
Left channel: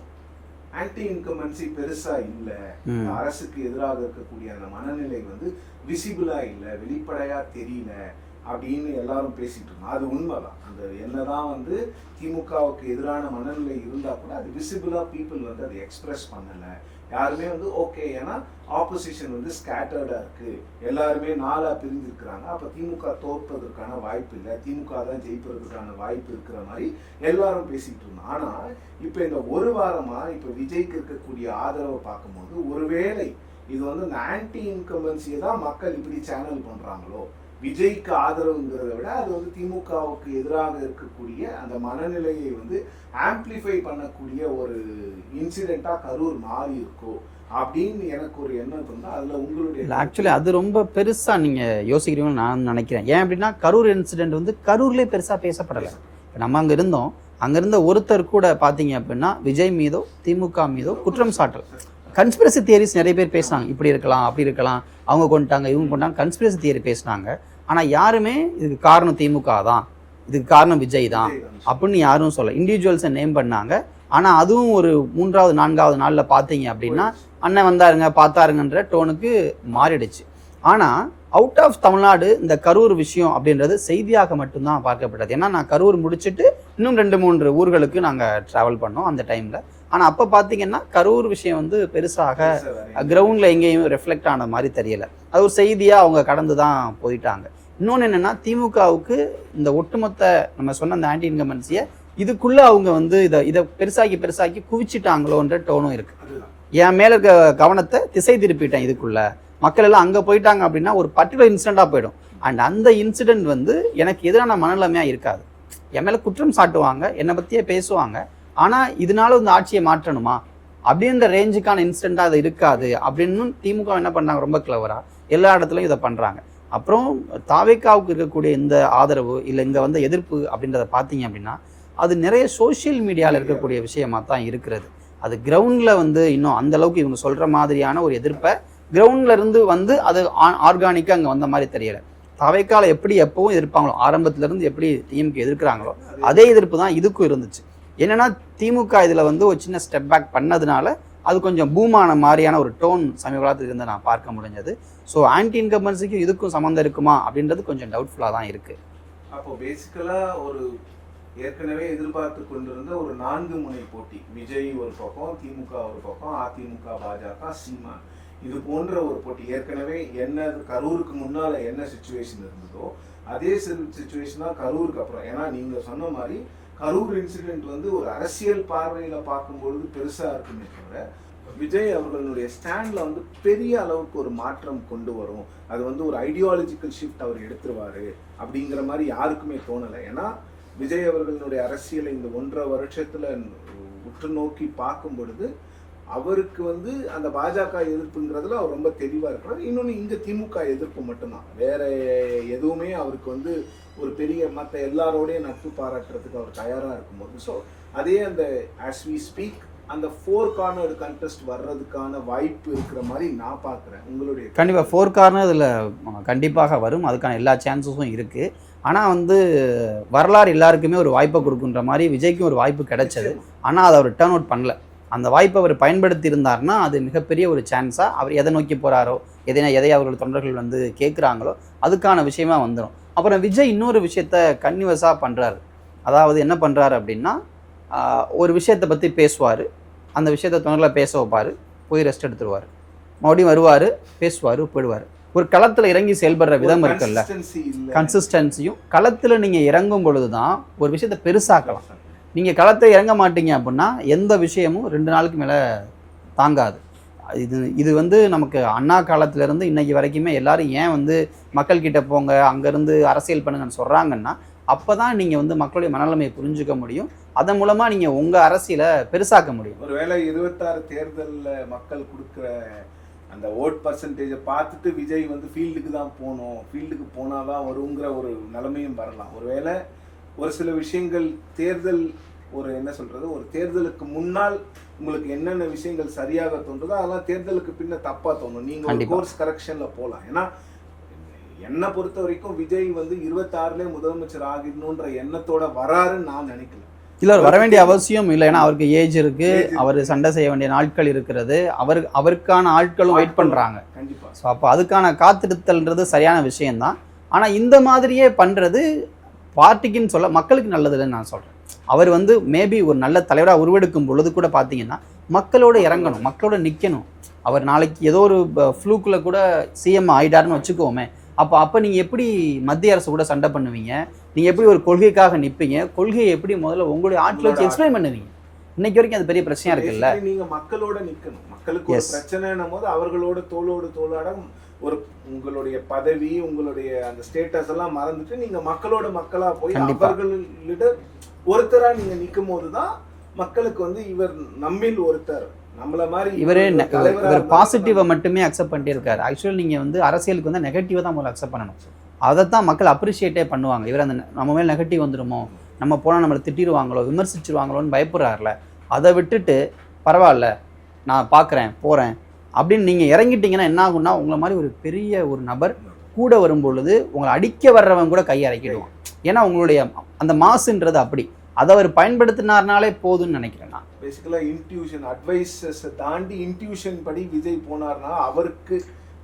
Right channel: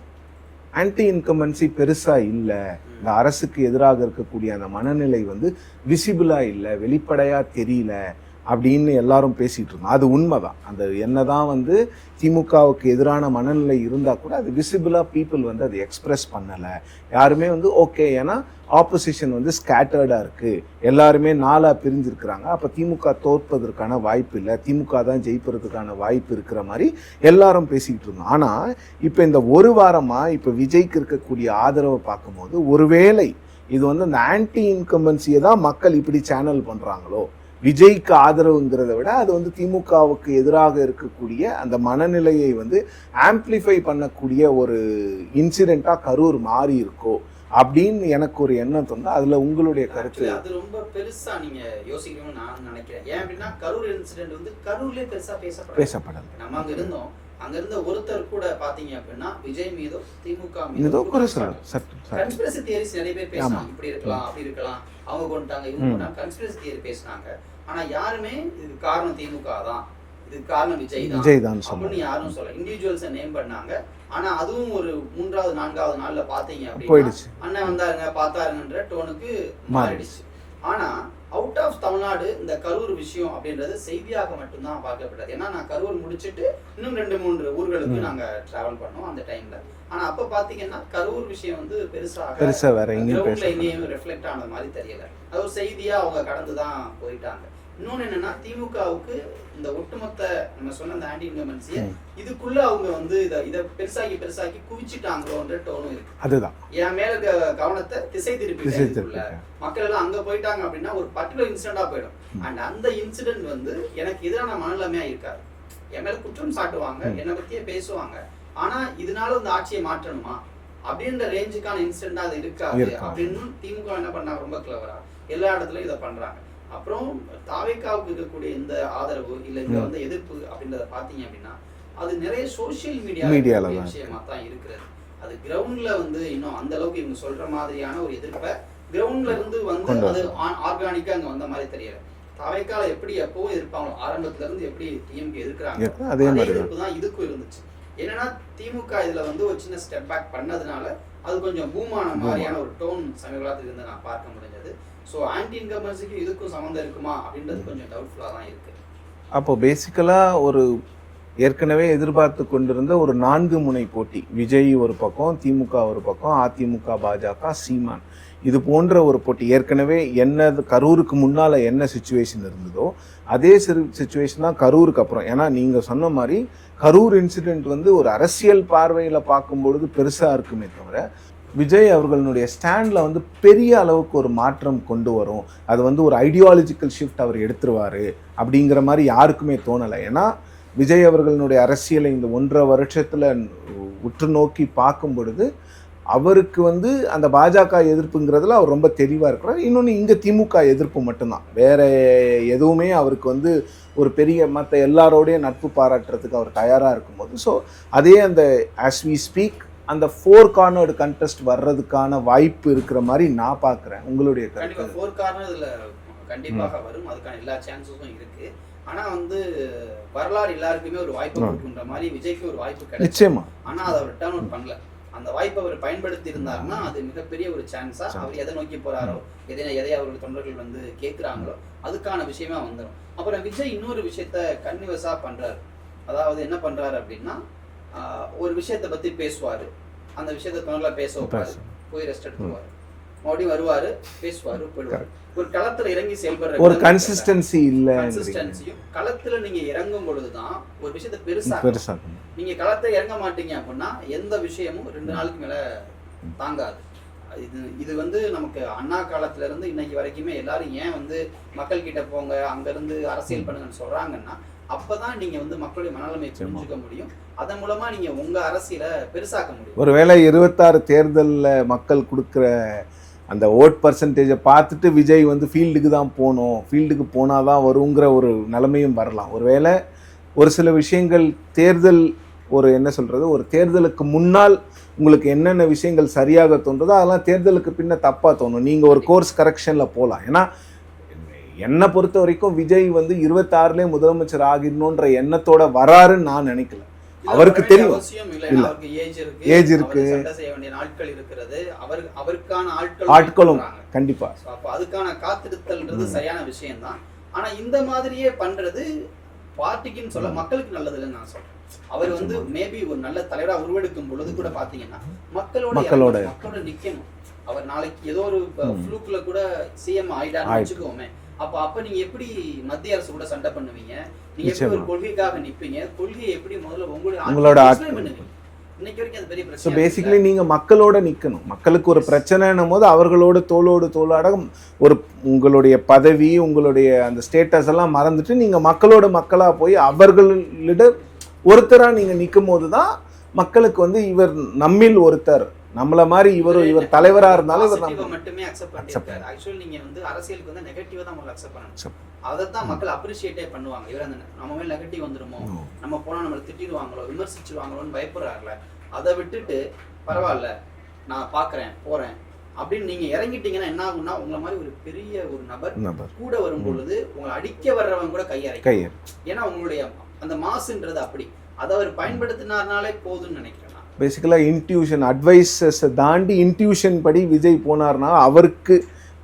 ஆன்டி இன்கம்பன்சி பெருசா இல்லை. இந்த அரசுக்கு எதிராக இருக்கக்கூடிய அந்த மனநிலை வந்து விசிபிளா இல்லை வெளிப்படையா தெரியல. அப்படின்னு எல்லாரும் பேசிகிட்டு இருக்கோம் அது உண்மைதான். அந்த என்ன தான் வந்து திமுகவுக்கு எதிரான மனநிலை இருந்தால் கூட அது விசிபிளாக பீப்புள் வந்து அதை எக்ஸ்ப்ரெஸ் பண்ணலை. யாருமே வந்து ஓகே ஏன்னா ஆப்போசிஷன் வந்து ஸ்கேட்டர்டாக இருக்குது எல்லாருமே நாளாக பிரிஞ்சிருக்கிறாங்க. அப்போ திமுக தோற்பதற்கான வாய்ப்பு இல்லை. திமுக தான் ஜெயிப்பதற்கான வாய்ப்பு இருக்கிற மாதிரி எல்லாரும் பேசிக்கிட்டு இருந்தோம். ஆனால் இப்போ இந்த ஒரு வாரமாக இப்போ விஜய்க்கு இருக்கக்கூடிய ஆதரவை பார்க்கும்போது ஒருவேளை இது வந்து அந்த ஆன்டி இன்கம்பன்சியை தான் மக்கள் இப்படி சேனல் பண்ணுறாங்களோ விஜய்க்கு ஆதரவுங்கிறத விட அது வந்து திமுகவுக்கு எதிராக இருக்கக்கூடிய அந்த மனநிலையை வந்து ஆம்ப்ளிஃபை பண்ணக்கூடிய ஒரு இன்சிடென்ட்டா கரூர் மாறி இருக்கோ அப்படின்னு எனக்கு ஒரு எண்ணம் தோணுது. அதுல உங்களுடைய ஆக்சுவலி அது ரொம்ப பெருசா நீங்க யோசிக்கிறீங்கன்னு நான் நினைக்கிறேன். ஏன் அப்படின்னா கரூர் இன்சிடென்ட் வந்து கரூர்லயே பெருசா பேசப்படல. பேசப்படல. நம்ம அங்க இருந்தோம். அங்க இருந்த ஒருத்தர் கூட பாத்தீங்க அப்படின்னா விஜய் மீதோ திமுக மீதோ குற்றம் சாட்டு. கன்ஸ்பிரசி தியரிஸ் நிறைய பேர் பேசினாங்க. இப்படி இருக்கலாம் அப்படி இருக்கலாம். அவங்க கொண்டுட்டாங்க இவங்க. கொண்டாங்க. கன்ஸ்பிரசி தியரி பேசினாங்க. ஆனா யாருமே இதுக்கு காரணம் திமுக தான். இதுக்கு காரணம் விஜய் தான். அப்படின்னு யாரும் சொல்ல இண்டிவிஜுவல்ஸை நேம் பண்ணாங்க. ஆனா அதுவும் ஒரு மூன்றாவது நான்காவது நாள்ல பாத்தீங்க அப்படின்னா அண்ணன் வந்தாருங்க பார்த்தாருங்கன்ற டோனுக்கு மாறிடுச்சு. ஆனா அவுட் ஆஃப் தமிழ்நாடு இந்த கரூர் விஷயம் அப்படின்றது செய்தியாக மட்டும்தான் பார்க்கப்பட்டது ஏன்னா நான் கரூர் முடிச்சிட்டு இன்னும் ரெண்டு மூன்று ஊர்களுக்கு நாங்க டிராவல் பண்ணோம் அந்த டைம்ல ஆனா அப்ப பாத்தீங்கன்னா கரூர் விஷயம் வந்து பெருசாக கிரவுண்ட்ல எங்கேயும் ரெஃப்ளெக்ட் ஆன மாதிரி தெரியல. அது ஒரு செய்தியா அவங்க கடந்து தான் போயிட்டாங்க. இன்னொன்னு என்னன்னா திமுகவுக்கு இந்த ஒட்டுமொத்த நம்ம சொன்ன அந்த ஆன்டி இன்கமன்சிய. இதுக்குள்ள அவங்க வந்து இதை இதை பெருசாக்கி பெருசாக்கி குவிச்சிட்டாங்களோன்ற டோனும் இருக்கு. அதுதான். என் மேல இருக்க கவனத்தை திசை திருப்பிட்டேன் இதுக்குள்ள. மக்கள் எல்லாம் அங்க போயிட்டாங்க அப்படின்னா ஒரு பர்டிகுலர் இன்சிடென்டா போயிடும். அண்ட் அந்த இன்சிடென்ட் வந்து எனக்கு எதிரான மனநிலைமையா இருக்காது. என் மேல குற்றம் சாட்டுவாங்க என்னை பத்தியே பேசுவாங்க. ஆனா இதனால இந்த ஆட்சியை மாற்றணுமா? அப்படின்ற ரேஞ்சுக்கான இன்சிடென்டா அது இருக்காது. அப்படின்னு திமுக என்ன பண்ணாங்க? ரொம்ப கிளவரா எல்லா இடத்துலயும் இதை பண்றாங்க. அப்புறம் தாவேக்காவுக்கு இருக்கக்கூடிய இந்த ஆதரவு இல்ல இங்க. வந்து எதிர்ப்பு அப்படின்றத பாத்தீங்க அப்படின்னா அது நிறைய சோஷியல் மீடியாவில் இருக்கக்கூடிய. விஷயமா தான் இருக்கிறது அது கிரவுண்ட்ல வந்து இன்னும் அந்த அளவுக்கு இவங்க சொல்ற மாதிரியான ஒரு எதிர்ப்பை கிரவுண்ட்ல இருந்து வந்து. அது ஆர்கானிக்கா அங்க வந்த மாதிரி தெரியல தவைக்கால எப்படி எப்பவும் எதிர்ப்பாங்களோ ஆரம்பத்துல இருந்து எப்படி டிஎம்கே எதிர்க்கிறாங்களோ அதே எதிர்ப்பு தான் இதுக்கும் இருந்துச்சு என்னன்னா திமுக இதுல வந்து ஒரு சின்ன ஸ்டெப் பேக் பண்ணதுனால அது கொஞ்சம் பூமான மாதிரியான ஒரு டோன் சமீப காலத்துக்கு இருந்து நான் பார்க்க முடிஞ்சது. ஸோ ஆன்டி இன்கம்பன்சிக்கும் இதுக்கும் சம்மந்தம் இருக்குமா அப்படின்றது கொஞ்சம் டவுட்ஃபுல்லாக தான் இருக்குது அப்போது பேசிக்கலாக ஒரு ஏற்கனவே எதிர்பார்த்து கொண்டிருந்த ஒரு நான்கு முனை போட்டி. விஜய் ஒரு பக்கம் திமுக ஒரு பக்கம் அதிமுக பாஜக சீமான். இது போன்ற ஒரு போட்டி. ஏற்கனவே என்ன கரூருக்கு முன்னால் என்ன சுச்சுவேஷன் இருந்ததோ அதே சுச்சுவேஷன் தான் கரூருக்கு அப்புறம். ஏன்னா நீங்கள் சொன்ன மாதிரி கரூர் இன்சிடென்ட் வந்து ஒரு அரசியல் பார்வையில் பார்க்கும்பொழுது பெருசாக இருக்குமே தவிர விஜய் அவர்களுடைய ஸ்டாண்டில் வந்து பெரிய அளவுக்கு ஒரு மாற்றம் கொண்டு வரும். அது வந்து ஒரு ஐடியாலஜிக்கல் ஷிஃப்ட் அவர் எடுத்துருவார் அப்படிங்கிற மாதிரி யாருக்குமே தோணலை. ஏன்னா விஜய் அவர்களுடைய அரசியலை இந்த ஒன்றரை வருஷத்தில் உற்று நோக்கி பார்க்கும் பொழுது அவருக்கு வந்து அந்த பாஜக எதிர்ப்புங்கிறதுல அவர் ரொம்ப தெளிவாக இருக்கிறார். இன்னொன்று இங்கே திமுக எதிர்ப்பு மட்டும்தான். வேற எதுவுமே அவருக்கு வந்து ஒரு பெரிய மற்ற எல்லாரோடையும் நட்பு பாராட்டுறதுக்கு அவர் தயாராக இருக்கும்போது ஸோ அதே அந்த ஆஸ் வி ஸ்பீக் அந்த ஃபோர் கார்னர்டு கண்டெஸ்ட் வர்றதுக்கான வாய்ப்பு இருக்கிற மாதிரி நான் பார்க்குறேன் உங்களுடைய கருத்து? கண்டிப்பா ஃபோர் கார்னர் இதுல கண்டிப்பாக வரும். அதுக்கான எல்லா சான்சஸும் இருக்கு. ஆனா வந்து வரலாறு எல்லாருக்குமே ஒரு வாய்ப்பை. கொடுக்குன்ற மாதிரி விஜய்க்கும் ஒரு வாய்ப்பு கிடைச்சது. நிச்சயமா. ஆனா அதை அவர் டேர்ன் அவுட் பண்ணல. அந்த வாய்ப்பை அவர் பயன்படுத்தி இருந்தாருன்னா அது மிகப்பெரிய ஒரு சான்ஸா அவர் எதை நோக்கி போறாரோ எதை எதை அவர்கள் தொண்டர்கள் வந்து கேட்குறாங்களோ அதுக்கான விஷயமா வந்துடும் அப்புறம் விஜய் இன்னொரு விஷயத்த கன்னிவஸா பண்றாரு. அதாவது என்ன பண்றாரு அப்படின்னா ஒரு விஷயத்தை பத்தி பேசுவாரு. அந்த விஷயத்த தொண்டர்களை பேச வைப்பாரு. போய் ரெஸ்ட் எடுத்துருவாரு. மறுபடியும் வருவாரு பேசுவாரு போயிடுவாரு. ஒரு களத்துல இறங்கி செயல்படுற ஒரு கன்சிஸ்டன்சி இல்லை. கன்சிஸ்டன்சியும் களத்துல நீங்க இறங்கும் பொழுதுதான் ஒரு விஷயத்தை பெருசாக்கணும். பெருசா நீங்க களத்தை இறங்க மாட்டீங்க அப்படின்னா எந்த விஷயமும் ரெண்டு நாளுக்கு மேல தாங்காது. இது இது வந்து நமக்கு அண்ணா காலத்துல இருந்து இன்னைக்கு வரைக்குமே எல்லாரும் ஏன் வந்து மக்கள் கிட்ட போங்க அங்க இருந்து அரசியல் பண்ணுங்கன்னு சொல்றாங்கன்னா அப்பதான் நீங்க வந்து மக்களுடைய மனநிலைமையை புரிஞ்சுக்க முடியும். அதன் மூலமா நீங்க உங்க அரசியலை பெருசாக்க முடியும். ஒருவேளை இருபத்தாறு தேர்தலில் மக்கள் கொடுக்குற அந்த ஓட் பர்சன்டேஜை பார்த்துட்டு விஜய் வந்து ஃபீல்டுக்கு தான் போகணும் ஃபீல்டுக்கு போனால் தான் வருங்கிற ஒரு நிலைமையும் வரலாம். ஒருவேளை ஒரு சில விஷயங்கள் தேர்தல் ஒரு என்ன சொல்கிறது ஒரு தேர்தலுக்கு முன்னால் உங்களுக்கு என்னென்ன விஷயங்கள் சரியாக தோன்றதோ அதெல்லாம் தேர்தலுக்கு பின்ன தப்பாக தோணும். நீங்கள் ஒரு. கோர்ஸ் கரெக்ஷனில் போகலாம் ஏன்னா என்னை பொறுத்த வரைக்கும் விஜய் வந்து இருபத்தாறுலேயே முதலமைச்சர் ஆகிடணுன்ற எண்ணத்தோட வராருன்னு நான் நினைக்கல. இல்ல வர அவருக்கு வேண்டிய. அவசியம் இல்லை ஏன்னா. அவருக்கு ஏஜ் இருக்கு Age இருக்கு. அவர் சண்டை செய்ய வேண்டிய நாட்கள் இருக்கிறது அவர் அவருக்கான ஆட்களும். பண்றாங்க கண்டிப்பாக ஸோ அப்போ அதுக்கான காத்திருத்தல்ன்றது. சரியான விஷயம்தான் ஆனா இந்த மாதிரியே பண்றது பார்ட்டிக்குன்னு சொல்ல மக்களுக்கு நல்லதுன்னு நான் சொல்றேன் அவர் வந்து மேபி ஒரு நல்ல தலைவரா உருவெடுக்கும் பொழுது கூட பாத்தீங்கன்னா மக்களோட. இறங்கணும் மக்களோட நிக்கணும் அவர் நாளைக்கு ஏதோ ஒரு. ஃப்ளூக்குல கூட சிஎம் ஆயிட்டாருன்னு ஆயிட்டு. வச்சுக்கோமே அப்போ அப்ப நீங்க எப்படி மத்திய அரசு கூட சண்டை பண்ணுவீங்க நீங்க எப்படி ஒரு. கொள்கைக்காக நிப்பீங்க கொள்கையை எப்படி முதல்ல உங்களுடைய உங்களோட ஆட்சியை ஆட்- எக்ஸ்பிளைன் பண்ணுவீங்க இன்னைக்கு வரைக்கும் அது பெரிய இருக்குல்ல பேசிக்கலி நீங்க மக்களோட நிக்கணும் மக்களுக்கு ஒரு. பிரச்சனைன்னும் போது அவர்களோட தோளோடு தோளாட ஒரு உங்களுடைய பதவி உங்களுடைய அந்த ஸ்டேட்டஸ் எல்லாம் மறந்துட்டு நீங்க மக்களோட மக்களா போய். அவர்களிட ஒருத்தரா நீங்க நிற்கும் போதுதான் மக்களுக்கு வந்து இவர் நம்மில் ஒருத்தர் நம்மள மாதிரி இவர் இவரே தலைவரா பாசிட்டிவா மட்டுமே அக்செப்ட் பண்ணிட்டு இருக்காரு ஆக்சுவலி நீங்க வந்து அரசியலுக்கு வந்து நெகட்டிவா தான் முதல்ல அக்செப்ட் பண்ணணும். அதைத்தான் மக்கள் அப்ரிஷியேட்டே பண்ணுவாங்க. இவர் அந்த நம்ம மேல நெகட்டிவ் வந்துருமோ? நம்ம போனா நம்மளை திட்டிடுவாங்களோ? விமர்சிச்சிருவாங்களோன்னு பயப்படுறாருல. அதை விட்டுட்டு பரவாயில்ல நான் பார்க்கறேன் போறேன் அப்படின்னு நீங்க இறங்கிட்டீங்கன்னா என்ன ஆகும்னா உங்களை மாதிரி ஒரு பெரிய ஒரு நபர். கூட வரும் பொழுது உங்களை அடிக்க வர்றவன் கூட கையறைக்கும். ஏன்னா உங்களுடைய அந்த மாசுன்றது அப்படி. அதை அவர் பயன்படுத்தினார்னாலே போதும்னு நினைக்கிறேன். நான் பேசிக்கலா இன்ட்யூஷன் அட்வைசஸ் தாண்டி இன்ட்யூஷன் படி விஜய் போனார்னா அவருக்கு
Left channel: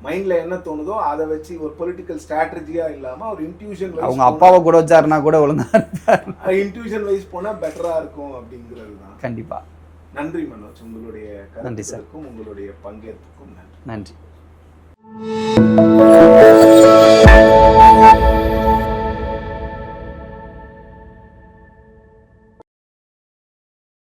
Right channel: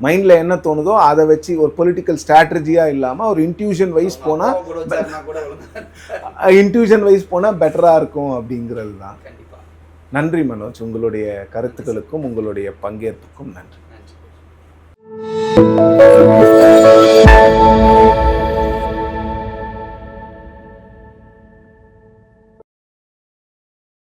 மைண்ட்ல என்ன தோணுதோ அதை வச்சு ஒரு பொலிட்டிக்கல் ஸ்ட்ராட்டஜியா இல்லாம ஒரு இன்ட்யூஷன் வைஸ் அப்பாவை கூட வச்சாருன்னா கூட ஒழுங்கா இன்ட்யூஷன் வைஸ் போனா பெட்டரா இருக்கும் அப்படிங்கிறது தான். கண்டிப்பா. நன்றி மனோஜ். உங்களுடைய கருத்துக்களுக்கும் உங்களுடைய பங்கேற்புக்கும் நன்றி. நன்றி.